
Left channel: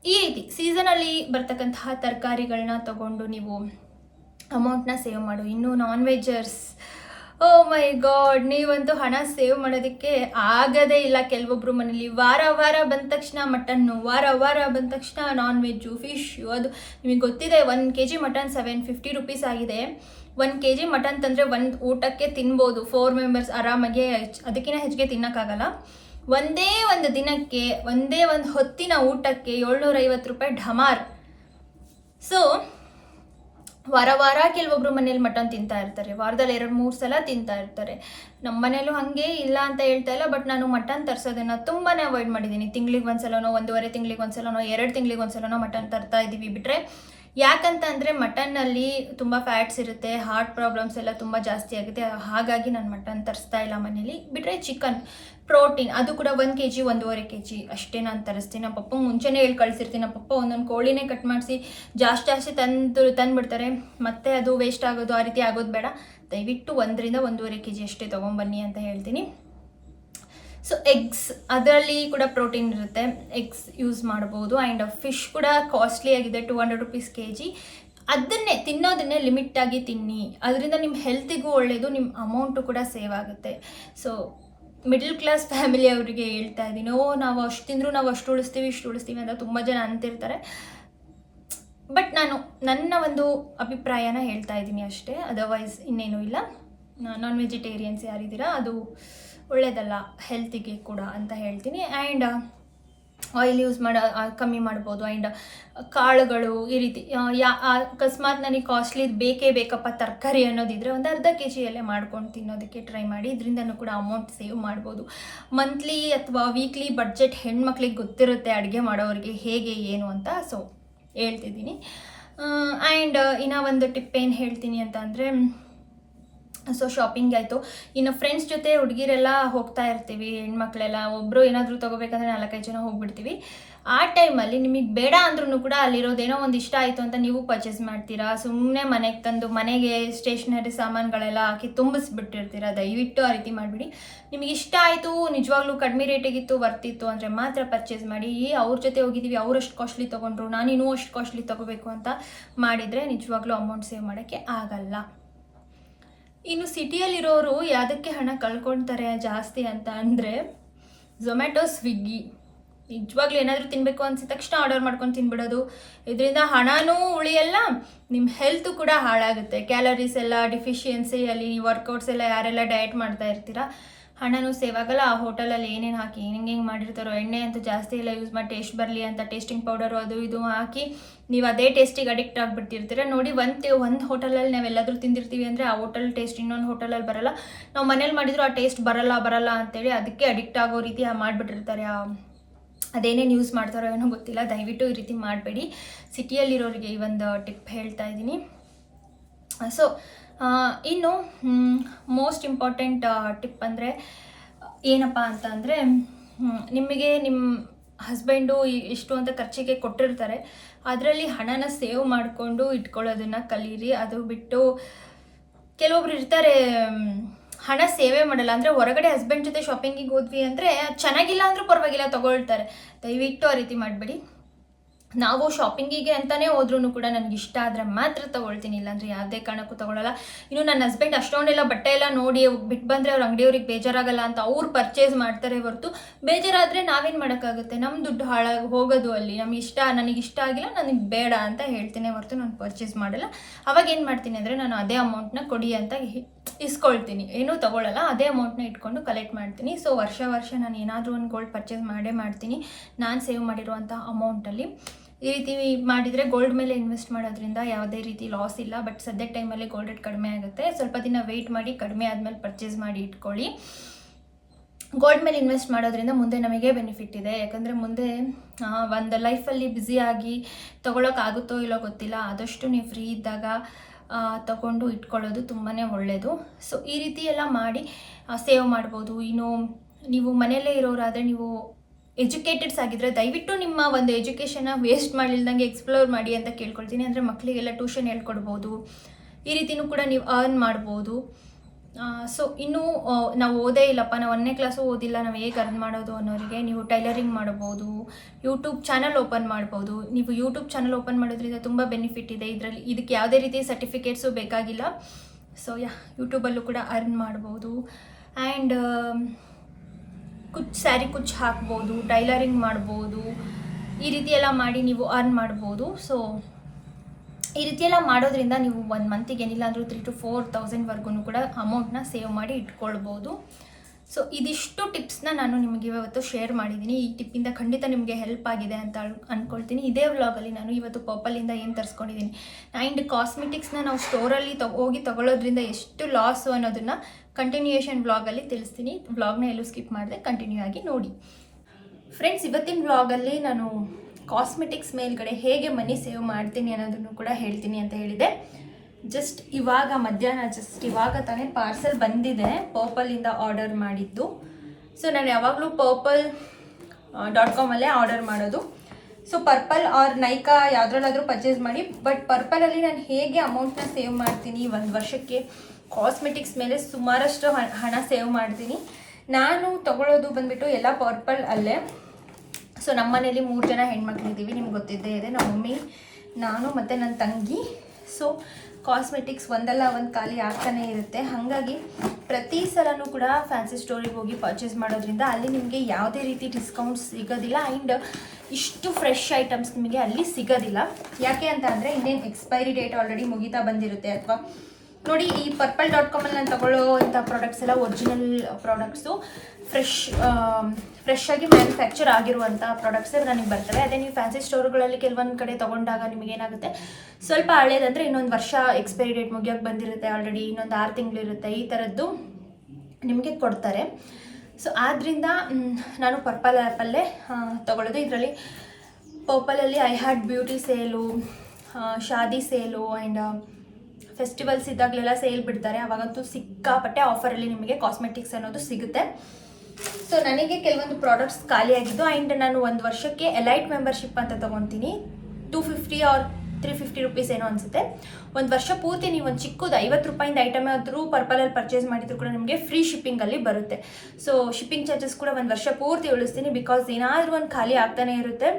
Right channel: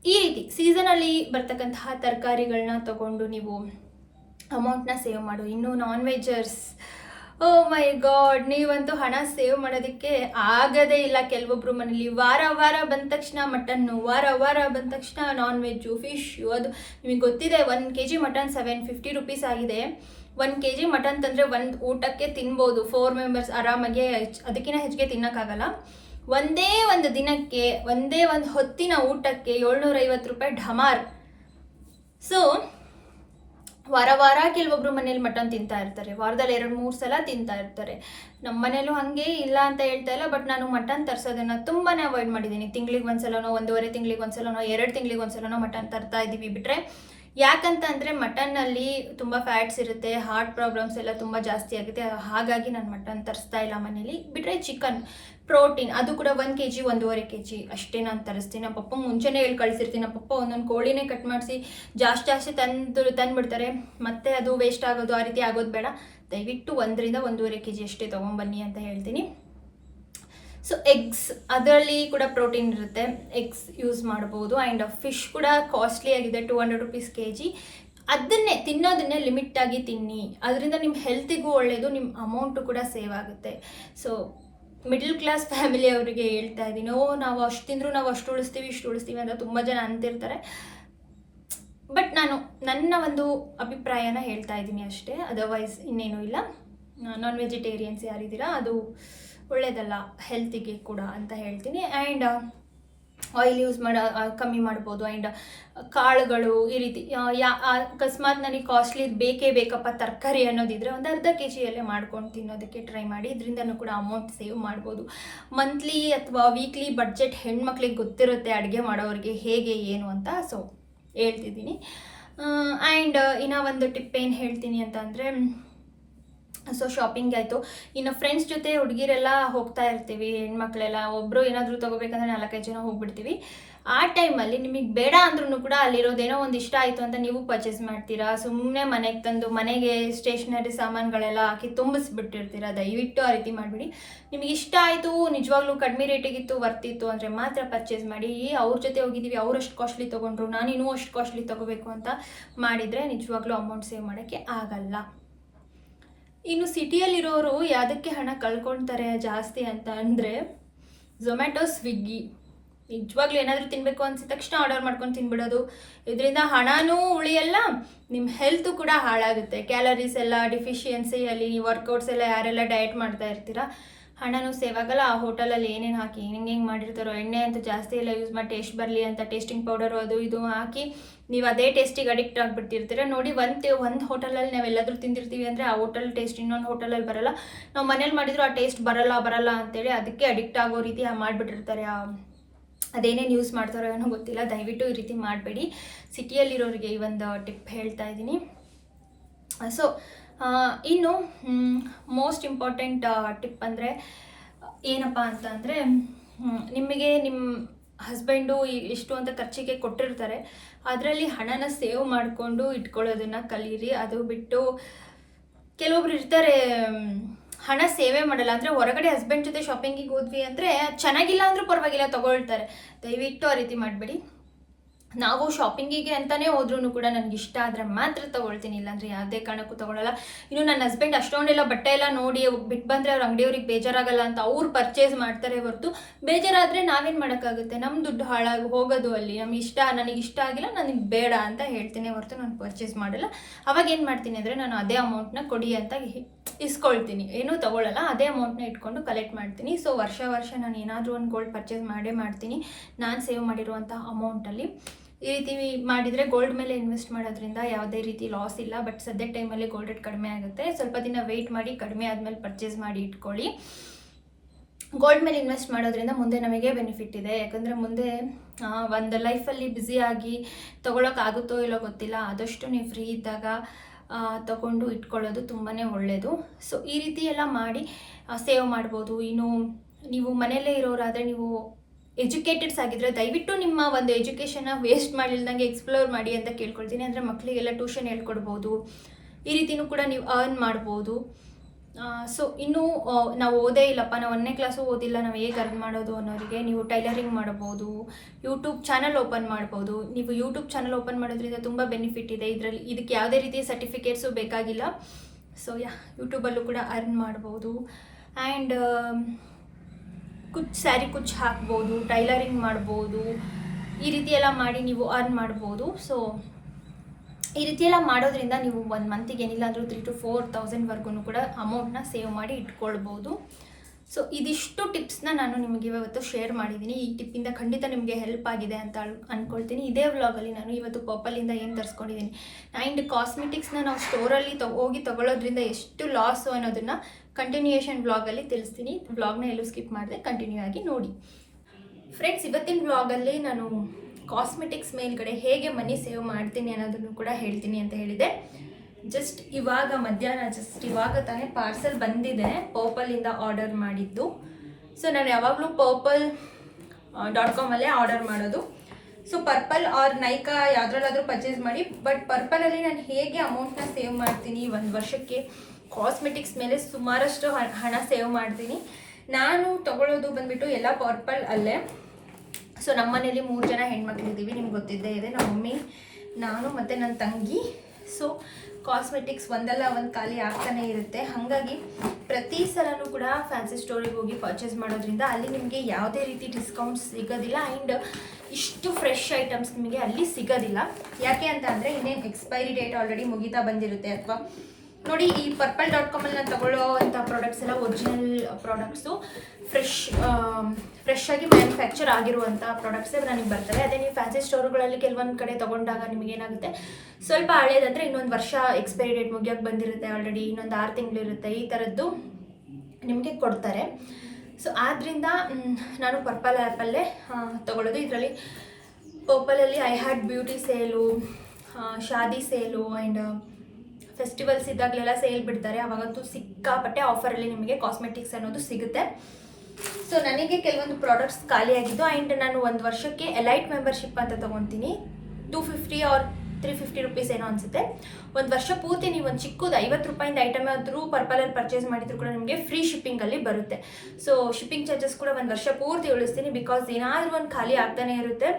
ಈ ರೀತಿ ಸೀಸನಲ್ಲಿ ಬರ್ತಕ್ಕಂತಹ ತರಕಾರಿಗಳನ್ನ ತೊಗೊಂಡು ನೀವು ಅಮೌಂಟ್ನ ಸೇವ್ ಮಾಡು. ಇನ್ನು ನಾನ್ ವೆಜ್ಜರ್ಸ್ ಓ ಮೈ ಗಾಡ್, ನೀವಂತೂ ಹಣ ಸೇವ್ ಮಾಡೋದಕ್ಕೆ ಆಗದೇ ಇಲ್ಲ. ಕೆಲವೊಬ್ರು ಮನೇಲಿ ವಾರ ವಾರ ಬಂದ ತಕ್ಷಣ ಮಟನ್ನು, ವಾರ ವಾರ ಬಂದ ತಕ್ಷಣ ನಾನ್ ವೆಜ್ಜು, ಫಿಶ್ಶು. ಅದು ನಿಮಗೆ ಗೊತ್ತಿದೆ, 1 kg ಮಟನ್ 750 ರುಪೀಸ್ ಆಗಿದೆ. 1 kg ಮಟನ್ ತಂದರೆ ಒಂದು ಊಟಕ್ಕೆ ತಿನ್ಬೋದು 4 ಮೆಂಬರ್ಸ್ ಆರಾಮಾಗಿ. ಅದಕ್ಕಿಂತ ಹೆಚ್ಚಿಗೆ ತಿನ್ನೋಕ್ಕಾಗಲ್ಲ. ಒಂದೇ ಒಂದು ದಿನಕ್ಕೆ, ಒಂದೇ ಒಂದು ಹೊತ್ತಿನ ಊಟಕ್ಕೆ 750 ರೂಪಾಯಿ ಢಮಾರ್. ಸೊ ವಾರ ವಾರ ಕೆಲವೊಬ್ರು ಮನೇಲಿ ಮಟನ್ ತಿಂತಾ ಇರ್ತಾರೆ, ವಾರದಲ್ಲಿ 2-3 ಸಲ ತಿಂತಾ ಇರ್ತಾರೆ. ನಮ್ಮ ಮನೇಲೂ ಹಾಗೆ ಇಲ್ಲ ಅಂತ ಹೇಳ್ತಾ ಇಲ್ಲ, ಬಟ್ ನಾನು ಮಟನ್ ತರಿಸೋದನ್ನು ತುಂಬಾ ಅವಾಯ್ಡ್ ಮಾಡಿದ್ದೀನಿ. ತಿಂಗಳಿಗೆ ಒಂದ್ಸಲನೋ, 1.5 ತಿಂಗಳಿಗೆ ಒಂದ್ಸಲನೋ, 2 ತಿಂಗಳಿಗೆ ಒಂದ್ಸಲನೋ ಮಟನ್ ತರ್ತಾ ಇದ್ದೀವಿ. ಬಿಟ್ಟರೆ ಯಾಕಂತ ಅಂದರೆ ಮಟನ್ನಲ್ಲಿ ತುಂಬ ಫ್ಯಾಟ್ಸ್ ಇರುತ್ತೆ, ಹಾರ್ಟ್ ಪ್ರಾಬ್ಲಮ್ಸ್ ಎಲ್ಲ ತುಂಬ ಜಾಸ್ತಿ ಆಗುತ್ತೆ. ಹಾಗಾಗಿ ನಾನು ಮಟನ್ ತರಿಸ್ತಾ ಇಲ್ಲ ಮನೇಲಿ. ಬಿಟ್ಟರೆ ಚಿಕನ್ ಪ್ರೋಟೀನ್, ಅದು ಕೂಡ 1 kg 1.5 kg ಅಷ್ಟೇ ನಾನು ತರಿಸ್ತೀನಿ. ನಮ್ಮ ಪಪ್ಪ ಮುಂಚೆನೇ ಹೇಳಿ ಕಳಿಸಿರ್ತೀನಿ. ನಮ್ಮ ಪಪ್ಪ ಒಂದೊಂದು ಕೋಳಿನೇ ಕಟ್ ಮಾಡಿಸಿ ಜಾಸ್ತಿ ತಂದುಬಿಡ್ತಾರೆ, ಮತ್ತೆ ಅದು ವೇಸ್ಟ್ ಆಗೋದು, ಆ ರೀತಿ ಆಗೋದು ಬೇಡ. ದಯವಿಟ್ಟು 1-1.5 kg ಅಷ್ಟೇ ತೊಗೊಂಬನ್ನಿ ಅಂತ ಹೇಳ್ತೀನಿ. ಸೊ ಎಗ್ಸ್, ಅದರಲ್ಲಿ ಕೂಡ ಪ್ರೋಟೀನ್ ಇರುತ್ತೆ, ಎಗ್ಸ್ ಯೂಸ್ ಮಾಡ್ಬೋದು. ಆ್ಯಂಡ್ ಫಿಶ್ ಕೂಡ ಕಾಸ್ಟ್ಲಿ ಆಗಿದೆ, 200 ರುಪೀಸ್ kg. ಅದನ್ನೇ ತಿನ್ನೋದನ್ನೇ ಲಿಮಿಟಾಗಿ ತಿನ್ನಿ, ಅದರಿಂದ ನಿಮ್ಮ ಹೆಲ್ತಿಗೂ ಒಳ್ಳೆಯದು, ನಿಮ್ಮ ಅಮೌಂಟು ಕೂಡ ಸೇವ್ ಆಗುತ್ತೆ. ಸೊ ಮಿಡಲ್ ಕ್ಲಾಸ್ ಫ್ಯಾಮಿಲಿ ಅವರಿಗೆ ಹೇಳ್ತಾ ಇದ್ದೀನಿ, ನಾವು ಅಷ್ಟು ತಿಂದರೂ ನಾವು ಅಷ್ಟು ಉಳಿಸ್ತೀವಿ ಅಂತ ತುಂಬ ಜನ ಅಂತಿರ್ತಾರೆ. ಬಟ್ ನಾನು ನನ್ನ ಒಂದು ಅಭಿಪ್ರಾಯನ ಹೇಳ್ತಾ ಇದ್ದೀನಿ ಅಷ್ಟೇ, ಅದರ್ವೈಸ್ ಇನ್ನೇನು ಇಲ್ಲ. ನಾನ್ ವೆಜಿಟೇರಿಯನ್ಸ್ ಯಾರಿದ್ದೀರಾ ಅದು ಒಳ್ಳೆಯದಲ್ಲ ಹೆಲ್ತಿಗೆ ಕೂಡ ಅಂತ ಹೇಳ್ತೀನಿ. ಆ್ಯಂಡ್ ಆಯಿಲ್ ಯೂಸ್ ಕಮ್ಮಿ ಮಾಡ್ಬೋದು. ಆ್ಯಂಡ್ ಕಾಳುಗಳು ಈ ರೀತಿ ಅಕಸ್ಮಾತ್ ನನಗೆ ಕಾಸ್ಟ್ಲಿ ಬೇಕೇ ಬೇಕಪ್ಪ ತರಕಾರಿ ಅನ್ನೋದಿದ್ರೆ ಒಂದು ಅರ್ಧ kg ಮಾಡ್ಕೊಂಡು ತಿನ್ನೋದಕ್ಕೆ ಟ್ರೈ ಮಾಡಿ. ಇದರಿಂದನೂ ಕೂಡ ಅಮೌಂಟ್ ಸೇವ್ ಮಾಡ್ಬೋದು. ಮಂತ್ಲಿ ಅಥವಾ ವೀಕ್ಲಿ ಬಡ್ಜೆಟ್ ಹೆಣ್ಮಕ್ಳಿಗೆ ಗೊತ್ತಿರುತ್ತೆ ಅಡುಗೆ ಮಾಡೋರಿಗೆ ಹೇಗೆ ಏನು ಅಂತ. ಸೊ ಹೇಳ್ತಿದ್ದೀನಿ. ಆ್ಯಂಡ್ ಇನ್ನೂ ಒಂದು ಟಿಪ್ ಏನು ಹೇಳ್ತೀನಿ ಅಂತ ಅಂದರೆ, ಸೊ ಶಾಪಿಂಗ್ ಆಯಿತು, ಇನ್ನು ಫ್ರೆಂಡ್ಸ್ ಜೊತೆ ಹುಡುಗಿರೆಲ್ಲ ಹೋಗ್ತಾ ಇರ್ತೀವಿ, ಹೆಣ್ಮಕ್ಳೆಲ್ಲ ಒಬ್ಬರು ಏನಾದರೂ ತೊಗೋಬೇಕಂದ್ರೆ 4-5 ಜನ ಹೋಗ್ಬಿಡ್ತೀವಿ. ಆ ಟೈಮಲ್ಲಿ ನಿಮಗೆ ಬೇಡ ಅಂದ್ರೂ ಕೂಡ ಅಲ್ಲಿರೋದೇನೋ ಒಂದು ಇಷ್ಟ ಆಯಿತು ಅಂತ ನೀವು ಪರ್ಚೇಸ್ ಮಾಡ್ತೀರಾ. ಸುಮ್ಮನೆ ಮನೆಗೆ ತಂದು ಮನೆಗೆ ಸ್ಟೇಷ್ನರಿ ಸಾಮಾನುಗಳೆಲ್ಲ ಹಾಕಿ ತುಂಬಿಸ್ಬಿಟ್ಟಿರ್ತೀರ. ದಯವಿಟ್ಟು ಆ ರೀತಿ ಮಾಡಿಬಿಡಿ. ನಿಮಗೆ ಇಷ್ಟ ಆಯಿತು, ನಿಜವಾಗ್ಲೂ ಕಡಿಮೆ ರೇಟಿಗಿತ್ತು, ವರ್ತಿತ್ತು ಅಂದರೆ ಮಾತ್ರ ಪರ್ಚೇಸ್ ಮಾಡಿ. ಅವ್ರ ಜೊತೆ ಹೋಗಿದ್ದೀವಿ, ಅವ್ರು ಅಷ್ಟು ಕಾಸ್ಟ್ಲಿ ತೊಗೊಂಡ್ರು, ನಾನು ಇನ್ನೂ ಅಷ್ಟು ಕಾಸ್ಟ್ಲಿ ತೊಗೋಬೇಕು ಅಂತ ಮಾಡಿದರೆ ನಿಜವಾಗ್ಲೂ ಅಮೌಂಟ್ ಸೇವ್ ಮಾಡೋಕ್ಕೆ ಆಗಲ್ಲ. ಇನ್ನು ಸಿಟಿಯಲ್ಲಿರೋರು ಯಾವುದಕ್ಕೆ ಹಣ ಕಳ್ಕೊಳ್ತಾರೆ ಜಾಸ್ತಿ ಅಂತ ಅಂದರೆ, ಝೊಮ್ಯಾಟೊ, ಸ್ವಿಗ್ಗಿ. ನಿಜವಾಗ್ಲೂ ಏನಾದರೂ ತಿನ್ನಬೇಕು ಅನ್ಸಿದ ತಕ್ಷಣ ಆರ್ಡರ್ ಮಾಡ್ಕೊಂಡು ತಿನ್ಬಿಡೋದು. ಇದರಿಂದ ಹಣನೂ ಉಳಿಯಲ್ಲ, ನಿಮ್ಮ ಹೆಲ್ತು ಕೂಡ ಹಾಳಾಗುತ್ತೆ. ಕ್ಯಾಲರೀಸ್ ಎಲ್ಲ ಡಿಫಿಷಿಯನ್ಸಿ, ಅಲ್ಲಿ ವರ್ಕೌಟ್ಸ್ ಎಲ್ಲ ಯಾರೆಲ್ಲ ಡಯಟ್ ಮಾಡ್ತಾ ಇರ್ತೀರಾ, ಹಣನೂ ಸೇವ್ ಆಗಲ್ಲ. ಆ ಹೋಟೆಲಲ್ಲಿ ಏನೇನು ಹಾಕಿ ಹೆಂಗೆ ಮಾಡಿರ್ತಾರೋ, ಎಣ್ಣೆ ಅಂತೂ ಜಾಸ್ತಿ ಎಲ್ಲ ಯೂಸ್ ಮಾಡಿ ಟೇಸ್ಟ್ ಬರಲಿ ಅಂತ ಟೇಸ್ಟಿಂಗ್ ಪೌಡರು ಅದು ಇದು ಹಾಕಿ ನೀವು ಅದೇ ಟೇಸ್ಟಿಗೆ ಅಡಿಕ್ಟ್ ಆಗಿಬಿಟ್ಟಿರ್ತೀರ. ನೋಡಿ, ಒಂದು ಹೋಟೆಲಲ್ಲಿ ನಾವೆಲ್ಲಾದರೂ ತಿಂದಿರ್ತೀವಿ ಅಂದರೆ ಆ ಹೋಟೆಲ್ ಟೇಸ್ಟ್ ಇನ್ನೊಂದು ಹೋಟೆಲಲ್ಲಿ ಬರಲ್ಲ. ನಾವು ಮನೇಲಿ ಮಾಡಿದ್ರು ಆ ಟೇಸ್ಟ್ ಬರಲ್ಲ ಅಂತೇಳಿ ಅದಕ್ಕೆ ಅಡಿಕ್ಟ್ ಆಗೋ ರೀತಿ ಮಾಡಿಬಿಟ್ಟಿರ್ತಾರೆ. ಅದೇನೇನು ಯೂಸ್ ಮಾಡ್ತಾರೋ ಏನೋ ಗೊತ್ತಿಲ್ಲ. ದಯವಿಟ್ಟು ಈ ರೀತಿ ಮಾಡಬೇಡಿ. ಸಿಟಿಯಲ್ಲಿರೋರಿಗೆ ಈ ಒಂದು ಟಿಪ್ ಹೇಳ್ತಾ ಇದ್ದೀನಿ. ಸೊ ಇನ್ನು ಮೋಸ್ಟ್ ಇಂಪಾರ್ಟೆಂಟ್ ಟಿಪ್ ಅಂದರೆ ಏನಪ್ಪ ಅಂತ ಅಂದರೆ, ನಿಮಗೆ ನಿಮ್ಮ ಹಸ್ಬೆಂಡು ಇಷ್ಟು ಅಂತ ಖರ್ಚಿಗೆ ಕೊಟ್ಟಿರ್ತಾರೆ, ಅದರಲ್ಲಿ ಹಣನ ಸೇವ್ ಮಾಡಿಕೊಂಡು ಇಟ್ಕೊಳ್ಳೋದನ್ನು ಕಲೀರಿ. ಅದು ಬಿಟ್ಟು ಕೆಲವೊಬ್ರು ಇರ್ತಾರೆ ಹಣ ಸೇವೆ ಮಾಡಲ್ಲ. ಅಂದರೆ ಹೊರಗಡೆ ಹಸ್ಬೆಂಡ್ ಜೊತೆ ಶಾಪಿಂಗಿಗೆ ಹೋದ್ವಿ ಅಂದರೆ ಚೆನ್ನಾಗಿಲ್ಲ ಅಂದರೂ ಪರವಾಗಿಲ್ಲ ತೊಗೊಳ್ತಾರೆ. ದಯವಿಟ್ಟು ಆ ರೀತಿ ಮಾಡಬೇಡಿ. ನಾವು ಶಾಪಿಂಗಿಗೆ ಅಂತಲೇ ಹೋದ್ರೂ ಕೂಡ ನನಗೆ ಇಷ್ಟ ಆದರೆ ಮಾತ್ರ ತೊಗೊಳ್ತೀನಿ, ಇಲ್ಲಾಂದರೆ ಯಾವುದೇ ಕಾರಣಕ್ಕೂ ತೊಗೊಳ್ಳಲ್ಲ. ಇನ್ನು ನನ್ನ ಹಸ್ಬೆಂಡ್ ಅಷ್ಟೊಂದೆಲ್ಲ ಬಟ್ಟೆ ಎಲ್ಲ ನೋಡಿ ಬಿಟ್ಟು ಬಂದರೆ ಅವ್ರ ಅಂಗಡಿಯವ್ರಿಗೆ ಬೇಜಾರಾಗಲ್ಲ ಅಂತ ಅವ್ರು ಪರ್ಚೇಸ್ ಮಾಡ್ತಾರೆ ಹೊರತು, ಬೇಜಾರಾದರೆ ನಾವೇನು ಮಾಡೋಕ್ಕಾಗುತ್ತೆ, ನಮ್ಮ ದುಡ್ಡು ಹಾಳಾಗಿ ಹೋಗೋದು ಅಲ್ಲಿ. ನನಗೆ ಇಷ್ಟ ಆಗಿಲ್ಲ, ನನಗೆ ಬೇಡ ಅಂತ ಹೇಳ್ತೀನಿ ಹೊರತು ನಾನು ಪರ್ಚೇಸ್ ಮಾಡಲ್ಲ. ಅವಾಗ ಏನು ಮಾಡ್ತೀನಿ ಅಂದರೆ, ನಾನು ಅದೇ ಅಮೌಂಟ್ನ ಕೊಡಿ ಅಂತ ಇಸ್ಕೊಳ್ತೀನಿ, ಏನೂ ತೊಗೊಳ್ಳಲ್ಲ, ಅದೇ ಅಮೌಂಟ್ನ ಇಟ್ಕೊಂಡು ಕಲೆಕ್ಟ್ ಮಾಡ್ತೀನಿ. ಸೊ ವರ್ಷ ನಾನು ಏನಾದರೂ ಒಂದು ಗೋಲ್ಡ್ ಪರ್ಚೇಸ್ ಮಾಡ್ತೀನಿ ನಾನು ಸೇವ್ ಮಾಡಿರುವಂಥ ಅಮೌಂಟಲ್ಲಿ. ಈ ರೀತಿ ಮಾಡಿದರೆ ಗೋಲ್ಡ್ ಮೇಲೆ ಇನ್ವೆಸ್ಟ್ ಮಾಡೋದ್ರಿಂದ ಯಾವುದೇ ರೀತಿ ಲಾಸ್ ಇಲ್ಲ. ಬಟ್ ಸದ್ಯ ಟೈಮಲ್ಲಿ ಗೋಲ್ಡ್ ರೇಟ್ ಕಡಿಮೆ ಆಗುತ್ತೆ, ಸ್ವಲ್ಪ ದಿನ ವೆಯ್ಟ್ ಮಾಡಿ, ಕಡಿಮೆ ಆದಮೇಲೆ ಪರ್ಚೇಸ್ ಮಾಡಿ ಇಟ್ಕೊಳ್ಳಿ. ಗೋಲ್ಡ್ ಮೇಲೆ ಇನ್ವೆಸ್ಟ್ ಮಾಡೋದ್ರಿಂದ ಮುಂದೆ ನಮಗೆ ಬೆನಿಫಿಟ್ ಇದೆ. ಯಾಕಂದರೆ ಮುಂದೆ ಒಂದು ಲೈಫಲ್ಲಿ ಬ್ಯುಸಿಯಾಗಿ ತೊಗೊಳಕ್ಕಾಗುತ್ತೋ ಇಲ್ಲೋ ಗೊತ್ತಿಲ್ಲ, ಆದಷ್ಟು ನೀವು ಫ್ರೀ ಇದ್ದಾಗ ತಗೊಂಡು ಇಟ್ಕೊಳ್ಳೋದು ತುಂಬಾ ಒಳ್ಳೆಯದು. ಸೊ ಈ ರೀತಿ ಎಲ್ಲ ಮಾಡಿ ಸೇವ್ ಮಾಡ್ಬೋದು. ಇನ್ನು ನೀವು ಮನೆಯಲ್ಲೇ ಇರೋರಾದರೆ, ನೀವು ಎಜುಕೇಟೆಡ್ಸ್ ಆಗಿದ್ದರೆ ದಯವಿಟ್ಟು ನಿಮ್ಮ ಒಂದು ಎಜುಕೇಷನ್ನ ವೇಸ್ಟ್ ಮಾಡಿಲ್ದಂಗೆ ಎಕ್ಸ್ಪ್ಲೋರ್ ಮಾಡಿ ಅಂತ ಕೇಳ್ಕೊಳ್ತೀನಿ. ಅಂದರೆ ಮಕ್ಕಳಿಗೆಲ್ಲ ಟ್ಯೂಷನ್ ಹೇಳ್ಕೊಡ್ಬೋದು, ಈ ರೀತಿಯೂ ಕೂಡ ನೀವು ಅರ್ನ್ ಮಾಡ್ಬೋದು. ಸೊ ಇನ್ನೂ ನಾವು ಓದೇ ಇಲ್ಲಪ್ಪ, ನಾವು 1ನೇ ಕ್ಲಾಸು ಓದಿಲ್ಲ, ನಾವು ಹೇಗೆ ಅರ್ನ್ ಮಾಡೋದು ಅನ್ನೋರಿಗೆ ನೀವು ಟೈಲರಿಂಗ್ ಮಾಡ್ಬೋದು, ಯೂಟ್ಯೂಬ್ ಚಾನಲ್ ಓಪನ್ ಮಾಡ್ಬೋದು. ನೀವು ಯೂಟ್ಯೂಬ್ ಚಾನಲ್ ಓಪನ್ ಮಾಡೋದ್ರಿಂದ ತುಂಬ ಬೆನಿಫಿಟ್ ಇದೆ. ಇದಕ್ಕೆ ಯಾವುದೇ ರೀತಿ ಸರ್ಟಿಫಿಕೇಟ್ಸು ಬೇಕಾಗಿಲ್ಲ. ಸೊ ಯೂಟ್ಯೂಬಲ್ಲೂ ಕೂಡ ಅರ್ನ್ ಮಾಡ್ಬೋದು. ಆ್ಯಂಡ್ ಸ್ಯಾರಿ ಕುಚ್ಚು ಹಾಕ್ಬೋದು, ಟೈಲರಿಂಗ್ ಮಾಡ್ಬೋದು, ಈ ರೀತಿ ಎಲ್ಲ ಮಾಡಿ ನೀವು ಅರ್ನ್ ಮಾಡ್ಬೋದು. ಸೊ ಈ ರೀತಿ ಎಲ್ಲ ಮಾಡೋದ್ರಿಂದ ನೀವು ಒಂದು ಮಂತಿಗೆ ಏನಿಲ್ಲ ಅಂದರೂ 3,000 to 4,000 ಕೂಡ ಅಮೌಂಟ್ನ ಸೇವ್ ಮಾಡಿ ಇಟ್ಕೊಳ್ಬೋದು. ಸೊ ಇದಿಷ್ಟು ಟಿಪ್ಸ್ನ ನಾನು ನಿಮಗೆ ಇವತ್ತು ಶೇರ್ ಮಾಡಿದ್ದೀನಿ. ಈ ಟಿಪ್ಪಿಂದ ಖಂಡಿತ ನಿಮಗೆ ಹೆಲ್ಪ್ ಆಗಿದೆ ಅಂತ ಅಂದ್ಕೊಳ್ತೀನಿ. ಇದೇ ವ್ಲಾಗಲ್ಲಿ ನಾನು ಇವತ್ತು ಪರ್ಪಲಿಂದ ಏನು ತರಿಸ್ಕೊಂಡಿದ್ದೀನಿ ಆ್ಯಂಡ್ ಕಾಸ್ಮೆಟಿಕ್ಸ್ನ ನಾವು ಸ್ಟೋರಲ್ಲಿ ಹೋಗಿ ತೊಗೊಳ್ಳೋದ್ರಿಂದ ಎಷ್ಟು ಲಾಸು ಅನ್ನೋದನ್ನು ಕಂಟಿನ್ಯೂಯೇಷನ್ ವ್ಲಾಗಲ್ಲಿ ತಿಳಿಸ್ತೀನಿ. ವ್ಲಾಗ್ನ ಎಲ್ಲೂ ಸ್ಕಿಪ್ ಮಾಡಿದೆ, ಕಂಟಿನ್ಯೂ ಆಗಿ ನೋಡಿ. ಫ್ರೆಂಡ್ಸ್, ಇವತ್ತಿನ ವ್ಲಾಗಲ್ಲಿ ನಾನು ಕಾಸ್ಮೆಟಿಕ್ಸ್ ಮೇಲ್ಗಡೆ ಹೇಗೆ ಮನಿ ಸೇವ್ ಮಾಡ್ತೀನಿ ಅನ್ನೋದನ್ನು ಕೂಡ ಹೇಳ್ತೀನಿ ಅಂತ ಹೇಳಿದೆ. ಜಸ್ಟ್ ಇವಾಗ ಮಧ್ಯಾಹ್ನ ತಾನೇ ಪಾರ್ಸೆಲ್ ಬಂದಿದೆ, ಪರ್ಪಲಿಂದ ಆರ್ಡರ್ ಮಾಡಿದ್ದು. ಸೊ ನಾನು ಯಾವಾಗಲೂ purple.com ಆರ್ಡರ್ ಮಾಡೋದು. ಸೊ ಪರ್ಪಲ್ ಆರ್ ನೈಕಾ ಯಾವುದ್ರಲ್ಲಾದರೂ ಪರ್ಚೇಸ್ ಮಾಡಿ, ಬಟ್ ಪರ್ಪಲಲ್ಲಿ ನಾನು ಹೇಗೆ ಅಮೌಂಟ್ನ ಸೇವ್ ಮಾಡ್ತೀನಿ, ಒಂದು ವರ್ಷಕ್ಕೆ ಕಾಸ್ಮೆಟಿಕ್ಸ್ ಮೇಲೆ ಸುಮಾರಷ್ಟು ಹಣ ಸೇವ್ ಮಾಡ್ತೀನಿ. ನಾನು ತೊಗೊಳ್ಳೋದು ಬಂದುಬಿಟ್ಟು ಎಲ್ಲ ಪರ್ಪಲ್ ಅಲ್ಲೇ. ಸೊ ನಮ್ಮ ಮನೇಲಿ 3 ಜನ ಹೆಣ್ಮಕ್ಳಿದ್ದೀವಿ, ನಿಮ್ಗೆ ಗೊತ್ತಿದ್ದೇ ಇದೆ, ನಮ್ಮ ಮಮ್ಮಿ, ನಾನು ಮತ್ತು ನನ್ನ ತಂಗಿ. ಸೊ ಕಾಸ್ಮೆಟಿಕ್ಸ್ ಒಂದಲ್ಲ ಒಂದು ಖಾಲಿ ಆಗ್ತಾನೆ ಇರುತ್ತೆ. ಹಾಗಾಗಿ ಪ್ರತಿ ಸಲನೂ ಕೂಡ ಫ್ಯಾನ್ಸಿ ಸ್ಟೋರಿಗೆ ಹೋಗಿ ಪರ್ಚೇಸ್ ಮಾಡೋದ್ರಿಂದ ಅಲ್ಲಿ ನಿಮಗೆ ಯಾವುದೇ ರೀತಿ ಡಿಸ್ಕೌಂಟ್ಸ್ ಸಿಗೋದಿಲ್ಲ. ಆ್ಯಂಡ್ ಇಷ್ಟು ಫ್ರೆಶ್ ಐಟಮ್ಸ್ ನಿಮಗೆ ಅಲ್ಲಿ ಸಿಗೋದಿಲ್ಲ. ಯಾಕೆ ಅಂತ ಅಂದರೆ ಇನ್ನೇನು ಎಕ್ಸ್ಪೈರಿ ಡೇಟ್ ಆಲ್ರೆಡಿ ಮುಗಿತಾ ಬಂದಿರುತ್ತೆ. ಅಥವಾ ನೋಡಿ, ಈ purple.com ನಾನು ತಗೊಳ್ಳೋವಂಥ ಪ್ರಾಡಕ್ಟ್ಸ್ ಎಲ್ಲ ಒರಿಜಿನಲ್ ಪ್ರಾಡಕ್ಟ್ಸು, ಫ್ರೆಶ್ ಆಗಿ ಮ್ಯಾನುಫ್ಯಾಕ್ಚರ್ ಆಗಿರುವಂಥ ಪ್ರಾಡಕ್ಟ್ಸೇ ನನಗೆ ಬರ್ತವೆ. ಅದೇ ನೀವು ಫ್ಯಾನ್ಸಿ ಸ್ಟೋರ್ಗಳಲ್ಲಿ ಕೆಲವೊಂದು ಕಡೆ ತೊಗೊಂಡಾಗ ನಿಮಗೇನಾಗುತ್ತೆ, ಸ್ವಲ್ಪ ಹಳೇದಂದರೆ ಇನ್ನೊಂದು ವರ್ಷ ಎಕ್ಸ್ಪೈರಿ ಡೇಟ್ ಮುಗಿಯೋಕ್ಕೆ ಬಂದಿರುತ್ತೆ, ಆಲ್ರೆಡಿ ಇನ್ನೊಂದು 6 ತಿಂಗಳಿರುತ್ತೆ, ಈ ಥರದ್ದು ನಿಮಗೆ ಕೊಡ್ತಾರೆ. ಸೊ ಆದ್ದರಿಂದ ನಾನು ಪರ್ಪಲ್ ಆ್ಯಪಲ್ಲೇ ತೊಗೊಳ್ಳೋದು. ಇದರಲ್ಲಿ ಪರ್ಪಲಲ್ಲಿ I had beauty sale, shaadi sale and festivals ಇದ್ದಾಗಲೆಲ್ಲ ಸೇಲ್ ಬಿಡ್ತಾರೆ. ಅವಾಗಂತೂ ಸಿಕ್ಕಾಪಟ್ಟೆ ಆಫರಲ್ಲಿ ನಿಮಗೆ ಕಾಸ್ಮೆಟಿಕ್ಸ್ ಅನ್ನೋದು ಸಿಗುತ್ತೆ. ಸೊ ನನಗೆ ಕೆಲವೊಂದು ಪ್ರಾಡಕ್ಟ್ಸ್ ಖಾಲಿಯಾಗಿದ್ದು, ಆ್ಯಂಡ್ ನಾನು ಒಂದು ವರ್ಷಕ್ಕೆ ಎಲೈಟ್ ಮೆಂಬರ್ಶಿಪ್ ಅಂತ ತೊಗೊತೀನಿ. 250 or 350 ರೂಪೀಸ್ ಏನೋ ಅನಿಸುತ್ತೆ. ಒಂದು ವರ್ಷ ಪೂರ್ತಿ ನೀವು ಒಂದು ಚಿಕ್ಕದು 50 ರೂಪಾಯಿಂದ ಐಟಮ್ ಆದರೂ ಪರ್ಪಲಲ್ಲಿ ಪರ್ಚೇಸ್ ಮಾಡಿದ್ರು ಕೂಡ ನಿಮಗೆ ಫ್ರೀ ಶಿಪ್ಪಿಂಗಲ್ಲಿ ಬರುತ್ತೆ. ಸೊ ಶಿಪ್ಪಿಂಗ್ ಚಾರ್ಜಸ್ ಕೂಡ ಒಂದು ವರ್ಷ ಪೂರ್ತಿ ಉಳಿಸ್ತೀನಿ. ಬಿಕಾಸ್ ಏನಾದರೂ ಒಂದು ಖಾಲಿ ಆಗ್ತಾನೆ ಇರುತ್ತೆ.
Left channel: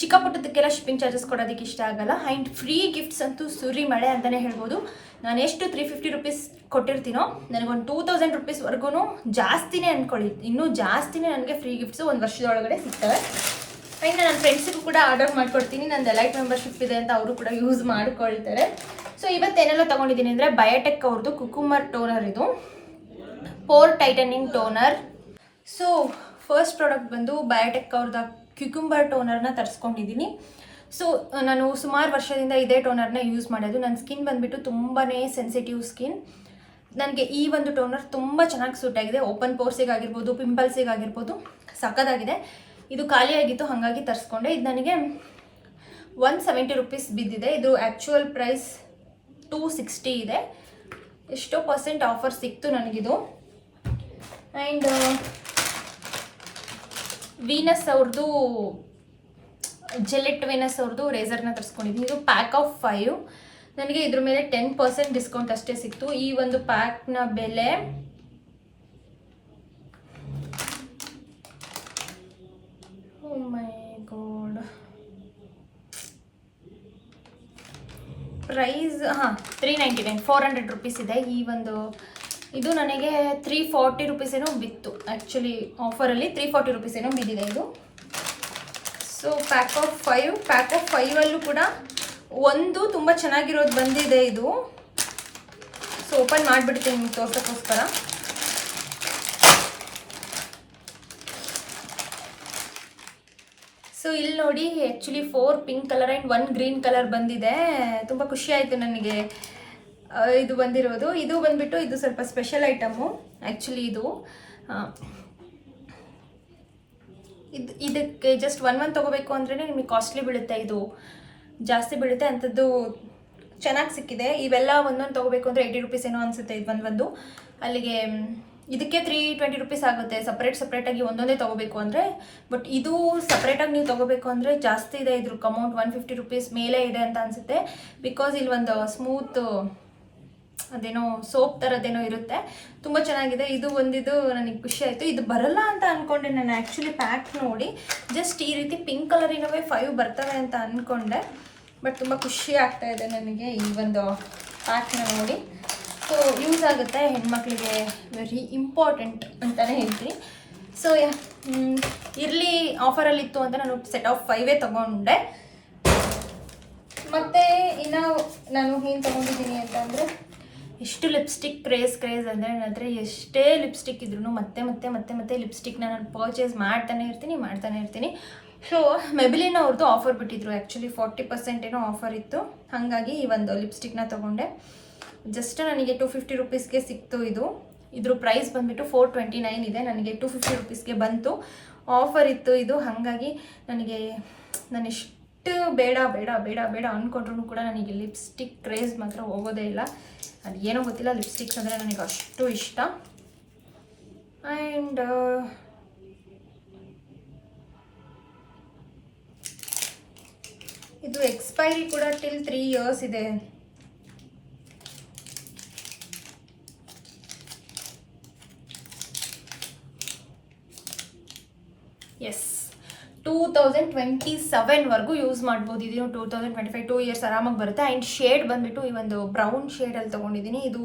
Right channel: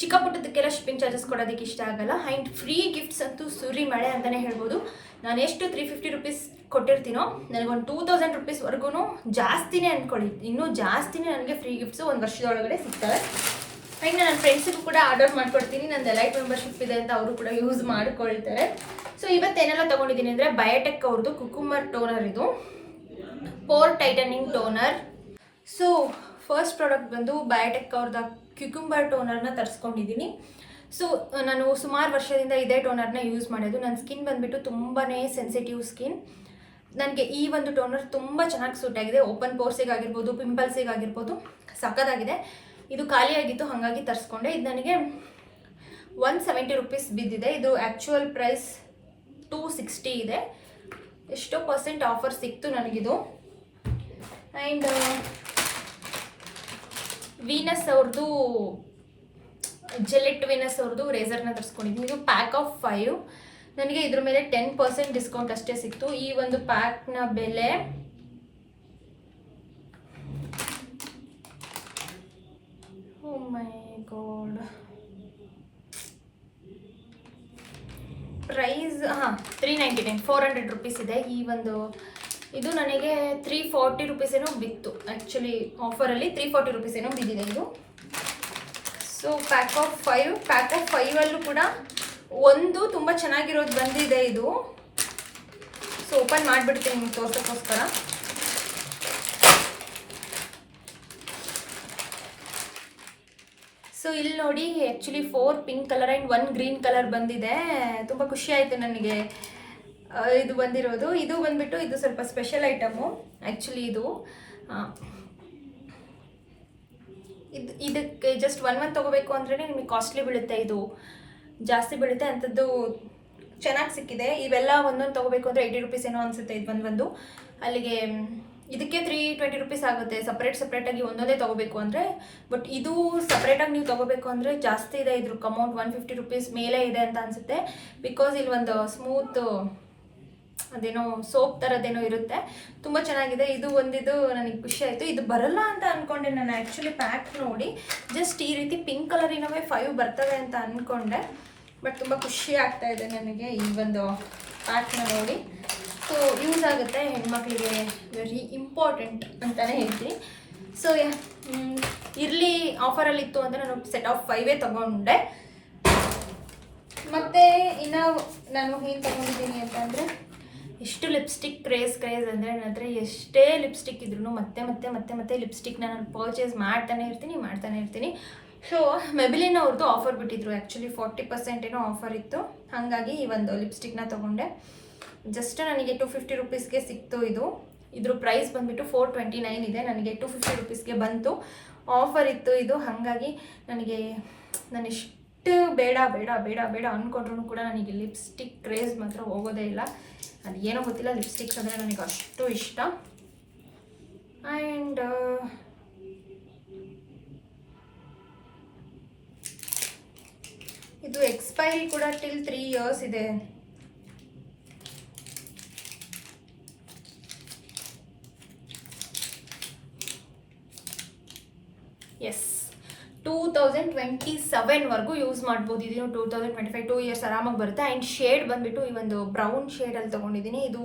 ಚಿಕ್ಕ ಪುಟ್ಟದಕ್ಕೆಲ್ಲ ಶಿಪ್ಪಿಂಗ್ ಚಾರ್ಜಸ್ ಕೊಡೋದಕ್ಕೆ ಇಷ್ಟ ಆಗಲ್ಲ. ಆ್ಯಂಡ್ ಫ್ರೀ ಗಿಫ್ಟ್ಸ್ ಅಂತೂ ಸುರಿ ಮಳೆ ಅಂತಲೇ ಹೇಳ್ಬೋದು. ನಾನು ಎಷ್ಟು 350 ರೂಪೀಸ್ ಕೊಟ್ಟಿರ್ತೀನೋ, ನನಗೊಂದು 2,000 ರೂಪೀಸ್ವರೆಗೂ ಜಾಸ್ತಿನೇ ಅಂದ್ಕೊಳ್ಳಿ, ಇನ್ನೂ ಜಾಸ್ತಿನೇ ನನಗೆ ಫ್ರೀ ಗಿಫ್ಟ್ಸು ಒಂದು ವರ್ಷದೊಳಗಡೆ ಸಿಗ್ತವೆ. ಆ್ಯಂಡ್ ನನ್ನ ಫ್ರೆಂಡ್ಸಿಗೂ ಕೂಡ ಆರ್ಡರ್ ಮಾಡ್ಕೊಡ್ತೀನಿ. ನಂದು ಎಲೈಟ್ ಮೆಂಬರ್ಶಿಪ್ ಇದೆ ಅಂತ ಅವರು ಕೂಡ ಯೂಸ್ ಮಾಡ್ಕೊಳ್ತಾರೆ. ಸೊ ಇವತ್ತೇನೆಲ್ಲ ತೊಗೊಂಡಿದ್ದೀನಿ ಅಂದರೆ ಬಯೋಟೆಕ್ ಅವ್ರದ್ದು ಕುಕುಂಬರ್ ಟೋನರ್, ಇದು pore tightening toner. So first product ಬಂದು ಬಯೋಟೆಕ್ ಅವ್ರದ್ದು ಕ್ಯುಕುಂಬರ್ ಟೋನರ್ನ ತರಿಸ್ಕೊಂಡಿದ್ದೀನಿ. ಸೊ ನಾನು ಸುಮಾರು ವರ್ಷದಿಂದ ಇದೇ ಟೋನರ್ನ ಯೂಸ್ ಮಾಡೋದು. ನನ್ನ ಸ್ಕಿನ್ ಬಂದುಬಿಟ್ಟು ತುಂಬಾ ಸೆನ್ಸಿಟಿವ್ ಸ್ಕಿನ್. ನನಗೆ ಈ ಒಂದು ಟೋನರ್ ತುಂಬ ಚೆನ್ನಾಗಿ ಸೂಟ್ ಆಗಿದೆ. ಓಪನ್ ಪೋರ್ಸಿಗಾಗಿರ್ಬೋದು, ಪಿಂಪಲ್ಸಿಗಾಗಿರ್ಬೋದು ಸಕ್ಕತ್ತಾಗಿದೆ. ಇದು ಖಾಲಿಯಾಗಿತ್ತು, ಹಾಗಾಗಿ ತರಿಸ್ಕೊಂಡೆ. ಇದು ನನಗೆ 170 ರೂಪೀಸ್ ಬಿದ್ದಿದೆ. ಇದು ಆ್ಯಕ್ಚುಯಲ್ ಪ್ರೈಸ್ 260 ಇದೆ. ಎಷ್ಟೋ % ಆಫರ್ ಸಿಕ್ತು ನನಗಿದು. ಆ್ಯಂಡ್ ವೀನಸ್ ಅವ್ರದ್ದು ಜೆಲೆಟ್ ವೀನಸ್ ಅವ್ರದ್ದು ರೇಸರ್ನ ತರಿಸ್ಕೊಂಡಿದ್ದೀನಿ. ಇದು ಪ್ಯಾಕ್ ಆಫ್ 5. ನನಗೆ ಇದ್ರ ಮೇಲೆ 10% ಡಿಸ್ಕೌಂಟ್ ಅಷ್ಟೇ ಸಿಕ್ತು. ಈ ಒಂದು ಪ್ಯಾಕ್ನ ಬೆಲೆ ಓ ಮೈ ಗಾಡ್, ಪ್ರೈಸ್ 399, 400 ರೂಪೀಸ್ ಇದೆ. ಈ ಒಂದು ಇದು ನನಗೆ 340 ರೂಪೀಸ್ ಏನೋ ಬಿತ್ತು. ಆ್ಯಕ್ಚುಲಿ ಆಫರಲ್ಲಿ 340 ರೂಪೀಸ್ ಏನೋ ಬಿದ್ದಿದೆ ಇದು. ಸೊ ಪ್ಯಾಕ್ ಆಫ್ 5ಅಲ್ಲೂ ಕೂಡ ಒಂದು ತುಂಬ ಚೆನ್ನಾಗಿರೋದು ಬಂದಿದೆ ಇದು. ಸೊ ಓಪನ್ ಮಾಡಿಬಿಡ್ತೀನಿ ನಿಮ್ಗೆ ತೋರ್ಸೋಕ್ಕೋಸ್ಕರ. ಸೊ ಇಲ್ಲಿ ನೋಡಿ, actually 4 pink colour and 1 green colour ಬಂದಿದೆ. ತುಂಬ ಖುಷಿ ಆಯಿತು ನನಗೆ ಇದು ಬಂದಿರೋದು. ಇದು ಬಂದುಬಿಟ್ಟು ಇದು ಸ್ವಲ್ಪ ಸ್ಪೆಷಲ್ ಐಟಮು. ಆ್ಯಕ್ಚುಲಿ ಇದಕ್ಕೆ ಜಸ್ಟ್ 1 ಮಂತ್ ತೊಗೋಬೇಕು ಅಂದ್ರೇ ನಿಮಗೆ ಕಾಸ್ಟ್ಲಿ ಬೀಳುತ್ತೆ, ಇದು ಜಾಸ್ತಿ ಬೀಳುತ್ತೆ. ಅಂಥದ್ದು ಚೆನ್ನಾಗಿ ಸಿಕ್ಕಿದೆ. ಇವೆಲ್ಲ ಒಂದೊಂದು ತೊಗೋಬೇಕು ಅಂದರೆ 80 ರೂಪೀಸ್ ಏನೋ ಅನಿಸುತ್ತೆ. ಇದು ಒಂದು ಅಲ್ಲಿಗೆ ಇದಕ್ಕೆ 320 ರೂಪೀಸ್ ಆಗುತ್ತೆ ಸಪ್ರೇಟಾಗಿ ಒಂದೊಂದೇ ತೊಗೋಬೇಕು ಅಂದರೆ. ಬಟ್ ಇದು ಸಪ್ರೇಟಾಗಿ ನೀವು ತೊಗೋಬೇಕು ಅಂದರೆ ಜಾಸ್ತಿ ಇದೆ. ಇದ್ರ ಅಮೌಂಟ್ 150 ರೂಪೀಸ್ ಮೇಲೆ ಇದೆ ಅಂತ ಅನಿಸುತ್ತೆ. ಬಿಕಾಸ್ ಇಲ್ಲಿ ಒಂದು ಸ್ಮೂತ್ ಅದೇನೋ ಸೋಪ್ ಥರದ್ದೇನೋ ಇರುತ್ತೆ, ತುಂಬ ಚೆನ್ನಾಗಿದೆ. ಇದು ಒಂದಿದು ನನಗೆ ಖುಷಿ ಆಯಿತು. ಇದು ಬರಲ್ಲ ಅಂತ ಅಂದ್ಕೊಂಡೆ ನಾನು. ಆ್ಯಕ್ಚುಲಿ ಪ್ಯಾಕ್ ನೋಡಿ ಜಸ್ಟ್ ಈ ರೀತಿ ಪಿಂಕ್ ಕಲರಿನವೇ 5 ಬರ್ತವೆ ಅಂತ ಅಂದ್ಕೊಂಡೆ. ಬಟ್ ತುಂಬ ಖುಷಿ ಆಗ್ತಾಯಿದೆ ನನಗೆ ಈ ಒಂದು ಪ್ಯಾಕ್ನ ನೋಡಿ. ಸೊ ಸೊ ಯೂಸ್ ಆಗುತ್ತೆ ಹೆಣ್ಮಕ್ಳಿಗೆ, ವೆರಿ ಇಂಪಾರ್ಟೆಂಟ್ ಅಂತಲೇ ಹೇಳ್ತೀನಿ. ಸೊ ಇರಲಿ ಆಫರಲ್ಲಿತ್ತು ಅಂತ ನಾನು ಸೆಟ್ ಆಫ್ 5 ತೊಗೊಂಡೆ. ಮತ್ತು ಇನ್ನು ನಾನು ಏನು ತೊಗೊಂಡಿದ್ದೀನಿ ಅಂತಂದರೆ, ಎಷ್ಟು ಲಿಪ್ಸ್ಟಿಕ್ ಕ್ರೇಜ್ ಅಂದರೆ ನನ್ನ ಹತ್ರ ಎಷ್ಟೇ ಲಿಪ್ಸ್ಟಿಕ್ ಇದ್ರೂ ಮತ್ತೆ ಲಿಪ್ಸ್ಟಿಕ್ನ ನಾನು ಪರ್ಚೇಸ್ ಮಾಡ್ತಾನೆ ಇರ್ತೀನಿ. ಸೊ ಮೆಬಿಲಿನ್ ಅವ್ರದ್ದು ಆಫರ್ ಬಿಟ್ಟಿದ್ರು, ಆ್ಯಕ್ಚುಲಿ 40% ಏನೋ ಆಫರ್ ಇತ್ತು. ಹಾಗಾಗಿ ಈ ಒಂದು ಲಿಪ್ಸ್ಟಿಕ್ನ ತೊಗೊಂಡೆ. ಜಸ್ಟ್ ನನಗೆ 250 ರುಪೀಸ್ಗೆ ಸಿಕ್ತು. ಇದ್ರ ಪ್ರೈಸ್ ಬಂದುಬಿಟ್ಟು 429 ಇದೆ, ನನಗೆ 250 ರುಪೀಸ್ಗೆ ಬಂತು. ಆಫರ್ ಇತ್ತು ಇದು. ಹಾಗಾಗಿ ನಾನು ಎಷ್ಟು ಬೇಡ ಅಂದ್ಕೊಂಡ್ರೂ ಕೂಡ ನನಗೆ ಲಿಪ್ಸ್ಟಿಕ್ ಕ್ರೇಜ್ ಮಾತ್ರ ಹೋಗೋದೇ ಇಲ್ಲ. ಅದು ಏನೋ ಗೊತ್ತಿಲ್ಲ, ಲಿಪ್ಸ್ಟಿಕ್ಸ್ ಅಂದರೆ ನನಗೆ ಅಷ್ಟು ಇಷ್ಟ. ಆ್ಯಂಡ್ ಇದು ಎಕ್ಸ್ಪೈರಿ ಕೂಡ ಟಿಲ್ 3 ಇಯರ್ಸ್ ಇದೆ. ಎಸ್, 2027ವರೆಗೂ ಯೂಸ್ ಮಾಡ್ಬೋದು. ಇದನ್ನು 2025 2 ಇಯರ್ಸ್ ಆರಾಮಾಗಿ ಬರುತ್ತೆ. ಆ್ಯಂಡ್ ಶೇಡ್ ಬಂದುಬಿಟ್ಟು ಈ ಒಂದು ಬ್ರೌನ್ ಶೇಡಲ್ಲಿ ತೊಗೊಂಡಿದ್ದೀನಿ. ಇದು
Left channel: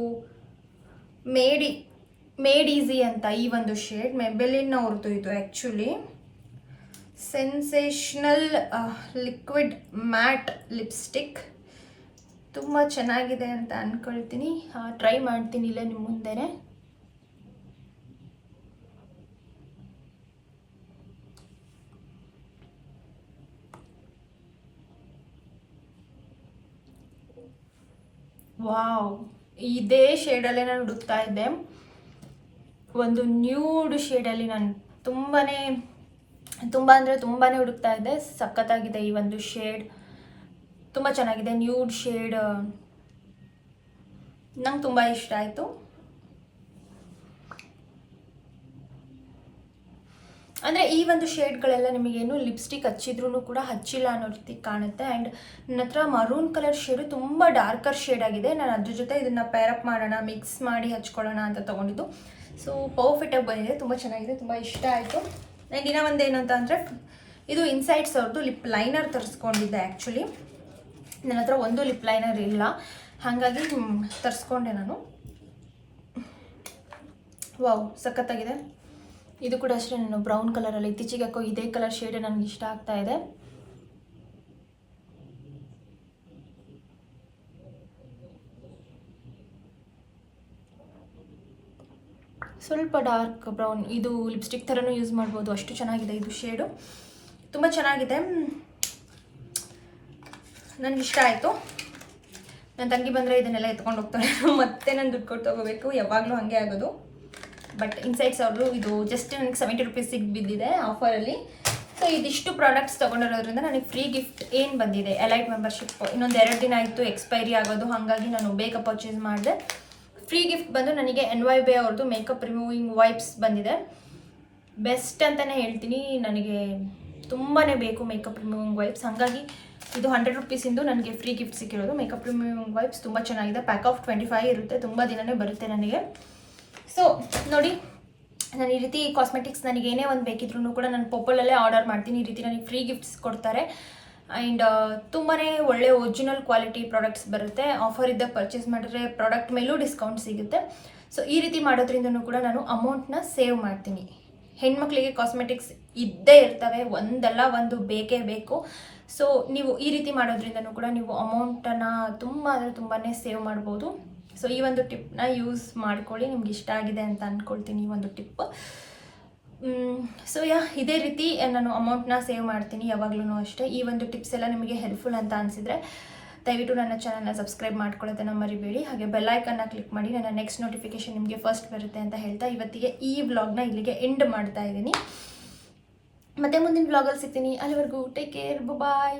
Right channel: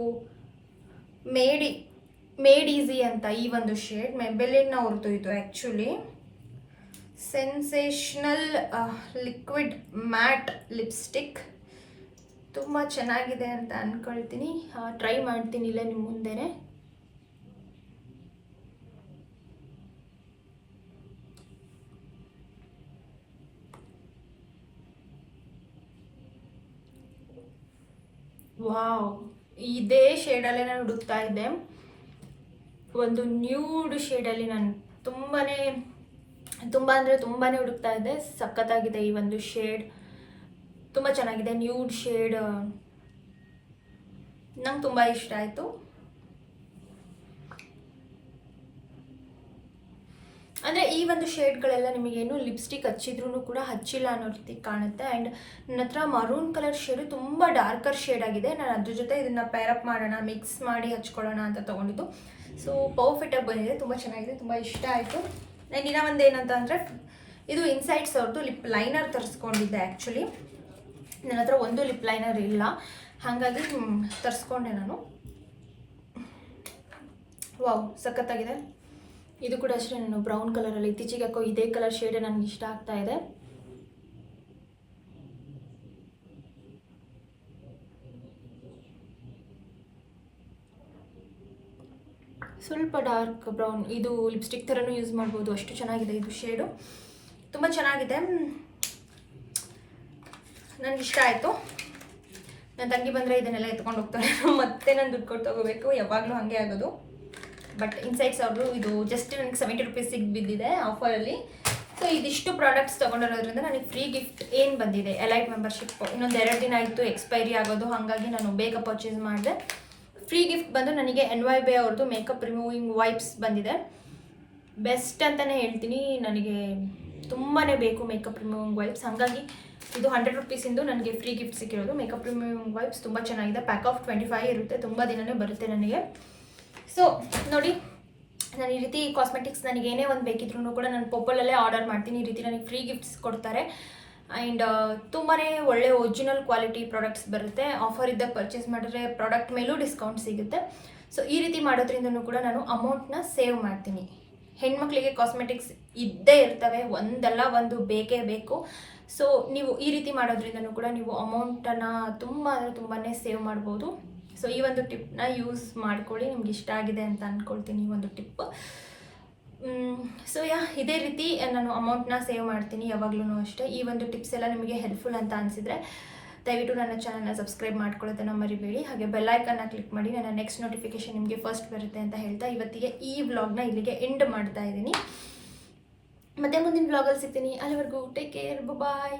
ಮೇಡ್ ಈಸಿ ಅಂತ ಈ ಒಂದು ಶೇಡ್, ಮೆಬೆಲಿನ್ ಅವ್ರದ್ದು ಇದು. Actually sensational liquid mat lipstick ತುಂಬ ಚೆನ್ನಾಗಿದೆ ಅಂತ ಅಂದ್ಕೊಳ್ತೀನಿ. ಟ್ರೈ ಮಾಡ್ತೀನಿ ಇಲ್ಲೇ ನಿಮ್ಮ ಮುಂದೆನೇ. ವಾವ್, ಇದೇ ಶೇಡಲ್ಲೇ ನಾನು ಹುಡುಕ್ತಾ ಇದ್ದೆ. ಒಂದು ನ್ಯೂಡ್ ಶೇಡಲ್ಲಿ ನಾನು ತುಂಬಾ ಹುಡುಕ್ತಾ ಇದ್ದೆ. ಸಖತ್ತಾಗಿದೆ ಈ ಒಂದು ಶೇಡ್, ತುಂಬ ಚೆನ್ನಾಗಿದೆ. ನ್ಯೂಡ್ ಶೇಡ್ ನಂಗೆ ತುಂಬ ಇಷ್ಟ ಆಯಿತು. ಅಂದರೆ ಈ ಒಂದು ಶೇಡ್ಗಳೆಲ್ಲ ನಿಮಗೇನು ಲಿಪ್ಸ್ಟಿಕ್ ಹಚ್ಚಿದ್ರೂ ಕೂಡ ಹಚ್ಚಿಲ್ಲ ಅನ್ನೋ ರೀತಿ ಕಾಣುತ್ತೆ. ಆ್ಯಂಡ್ ನನ್ನ ಹತ್ರ ಮರೂನ್ ಕಲರ್ ಶೇಡು ತುಂಬ ಡಾರ್ಕರ್ ಶೇಡ್ ಆಗಿದೆ. ನಾನು ಅದ್ರ ಜೊತೆ ಇದನ್ನು ಪೇರಪ್ ಮಾಡೋಣ, ಮಿಕ್ಸ್ ಮಾಡಿ ಹಚ್ಕೊಳ್ಳೋಣ ಅಂತ ತೊಗೊಂಡಿದ್ದು. ಸೊ ಪರ್ಫೆಕ್ಟಾಗಿ ಬಂದಿದೆ, ತುಂಬ ಚೆನ್ನಾಗಿದೆ, ತುಂಬ ಇಷ್ಟ ಆಯಿತು. ಆ್ಯಂಡ್ ಇನ್ನೂ ಒಂದು ಏನಂತ ಅಂದರೆ, ಇದು ಇನ್ಸೈಟ್ಸ್ ಅವ್ರದ್ದು ಲಿಪ್ ಲೈನರ್ ತರಿಸ್ಕೊಂಡಿದ್ದೆ. ಆ್ಯಕ್ಚುಲಿ ನನ್ನ ಹತ್ರ ಒಂದು ಲಿಪ್ ಲೈನರ್ ಇಲ್ಲ, ಹಾಗಾಗಿ ತರಿಸ್ಕೊಂಡೆ ನಾನು. ವಾವ್, ಸಖತ್ತಾಗಿದೆ. ಇದು ಕೂಡ ಅಷ್ಟೇ, ನಾನು ಬ್ರೌನ್ ಕಲರಲ್ಲಿ ಇತ್ತೀಚೆಗೆ ಹಾಕೋ ಇದೇ ಕಲರ್ ಶೇಡ್ ನನಗೆ ಇಷ್ಟ ಆಗ್ತಾ ಇದೆ. ಸ್ವಲ್ಪ ಡಾರ್ಕ್ ಬ್ರೌನ್, ಇದು ಲಿಪ್ಸ್ಟಿಕ್ ಥರನೂ ಯೂಸ್ ಮಾಡ್ಬೋದು, ಅಷ್ಟು ಚೆನ್ನಾಗಿದೆ ಇದು ಶೇಡು. ತುಂಬ ಚೆನ್ನಾಗಿದೆ, ನನಗಿಷ್ಟ ಆಯಿತು. ನನ್ನ ತಂಗಿ ಬಂದರೆ ಇದನ್ನೆಲ್ಲ ಎತ್ಕೊಂಡು ಹೋಗ್ತಾಳೆ, ಮತ್ತೆ ನಾನು ದುಡ್ಡು ಕೊಟ್ಟು ತೊಗೋಬೇಕು, ಯಾವಾಗಲೂ ಹಾಗೆ ಆಗೋದು. ಬಟ್ ಇನ್ಸೈಟ್ಸ್ ಅವರು ಇದು ಜಸ್ಟ್ ನನಗೆ 70 ರುಪೀಸಿಗೆ ಬಿದ್ದಿದೆ ಆಫರಲ್ಲಿ. ಸೊ ಇದಿಷ್ಟು ಪ್ರಾಡಕ್ಟ್ಸ್ ತೊಗೊಂಡಿರೋದ್ರಿಂದ ನನಗೆ ಫ್ರೀ ಗಿಫ್ಟ್ ಏನು ಬಂದಿದೆ, ಎಲೈಟ್ ಮೆಂಬರ್ಶಿಪ್. ಇನ್ನೊಂದು 2 ದಿನ ಆಯಿತು ಎಕ್ಸ್ಪೈರಿ ಆಗೋದು, ಹಾಗಾಗಿ ನಾನು ಬೇಗ ಪರ್ಚೇಸ್ ಮಾಡಿದೆ. ಫ್ರೀ ಗಿಫ್ಟ್ ಬಂದು ನನಗೆ NYBE ಅವ್ರದ್ದು ಮೇಕಪ್ ರಿಮೂವಿಂಗ್ ವೈಪ್ಸ್ ಬಂದಿದೆ. ಬೆಸ್ಟ್ ಅಂತಲೇ ಹೇಳ್ತೀನಿ, ನನಗೆ ತುಂಬಾ ಬೇಕು ಮೇಕಪ್ ರಿಮೂವಿಂಗ್ ವೈಪ್ಸ್. ಹಾಗಾಗಿ ಇದು 100 ರುಪೀಸಿಂದು ನನಗೆ ಫ್ರೀ ಗಿಫ್ಟ್ ಸಿಕ್ಕಿರೋದು. ಮೇಕಪ್ ರಿಮೂವಿಂಗ್ ವೈಪ್ಸ್ ತುಂಬ ಚೆನ್ನಾಗಿದೆ, ಪ್ಯಾಕ್ ಆಫ್ 25 ಇರುತ್ತೆ, ತುಂಬ ದಿನವೇ ಬರುತ್ತೆ ನನಗೆ. ಸೊ ನೋಡಿ, ನಾನು ಈ ರೀತಿ ಕಾಸ್ಮೆಟಿಕ್ಸ್ ನನಗೆ ಏನೇ ಒಂದು ಬೇಕಿದ್ರೂ ಕೂಡ ನಾನು ಪೋಪಲಲ್ಲೇ ಆರ್ಡರ್ ಮಾಡ್ತೀನಿ. ಈ ರೀತಿ ನನಗೆ ಫ್ರೀ ಗಿಫ್ಟ್ಸ್ ಕೊಡ್ತಾರೆ. ಆ್ಯಂಡ್ ತುಂಬಾ ಒಳ್ಳೆ ಒರಿಜಿನಲ್ ಕ್ವಾಲಿಟಿ ಪ್ರಾಡಕ್ಟ್ಸ್ ಬರುತ್ತೆ. ಆಫರ್ ಇದ್ದಾಗ ಪರ್ಚೇಸ್ ಮಾಡಿದ್ರೆ ಪ್ರಾಡಕ್ಟ್ ಮೇಲೂ ಡಿಸ್ಕೌಂಟ್ ಸಿಗುತ್ತೆ. ಸೊ ಈ ರೀತಿ ಮಾಡೋದ್ರಿಂದನೂ ಕೂಡ ನಾನು ಅಮೌಂಟ್ನ ಸೇವ್ ಮಾಡ್ತೀನಿ. ಹೆಣ್ಮಕ್ಳಿಗೆ ಕಾಸ್ಮೆಟಿಕ್ಸ್ ಇದ್ದೇ ಇರ್ತವೆ, ಒಂದಲ್ಲ ಒಂದು ಬೇಕೇ ಬೇಕು. ಸೊ ನೀವು ಈ ರೀತಿ ಮಾಡೋದ್ರಿಂದನೂ ಕೂಡ ನೀವು ಅಮೌಂಟನ್ನು ತುಂಬಾ ಸೇವ್ ಮಾಡ್ಬೋದು. ಸೊ ಈ ಒಂದು ಟಿಪ್ನ ಯೂಸ್ ಮಾಡ್ಕೊಳ್ಳಿ, ನಿಮ್ಗೆ ಇಷ್ಟ ಆಗಿದೆ ಅಂತ ಅಂದ್ಕೊಳ್ತೀನಿ ಈ ಒಂದು ಟಿಪ್. ಸೊ ಇದೇ ರೀತಿ ನಾನು ಅಮೌಂಟ್ನ ಸೇವ್ ಮಾಡ್ತೀನಿ ಯಾವಾಗಲೂ ಅಷ್ಟೇ. ಈ ಒಂದು ಟಿಪ್ಸ್ ಎಲ್ಲ ನಿಮಗೆ ಹೆಲ್ಪ್ಫುಲ್ ಅಂತ ಅನಿಸಿದರೆ ದಯವಿಟ್ಟು ನನ್ನ ಚಾನಲ್ನ ಸಬ್ಸ್ಕ್ರೈಬ್ ಮಾಡ್ಕೊಳ್ಳೋದನ್ನು ಮರಿಬೇಡಿ. ಹಾಗೆ ಬೆಲ್ಲೈಕನ್ನ ಕ್ಲಿಕ್ ಮಾಡಿ, ನನ್ನ ನೆಕ್ಸ್ಟ್ ನೋಟಿಫಿಕೇಷನ್ ನಿಮಗೆ ಫಸ್ಟ್ ಬರುತ್ತೆ ಅಂತ ಹೇಳ್ತಾ ಇವತ್ತಿಗೆ ಈ ವ್ಲಾಗ್ನ ಇಲ್ಲಿಗೆ ಎಂಡ್ ಮಾಡ್ತಾ ಇದ್ದೀನಿ. ಮತ್ತೆ ಮುಂದಿನ ವ್ಲಾಗಲ್ಲಿ ಸಿಗ್ತೀನಿ. ಅಲ್ಲಿವರೆಗೂ ಟೇಕ್ ಕೇರ್, ಬಾಯ್.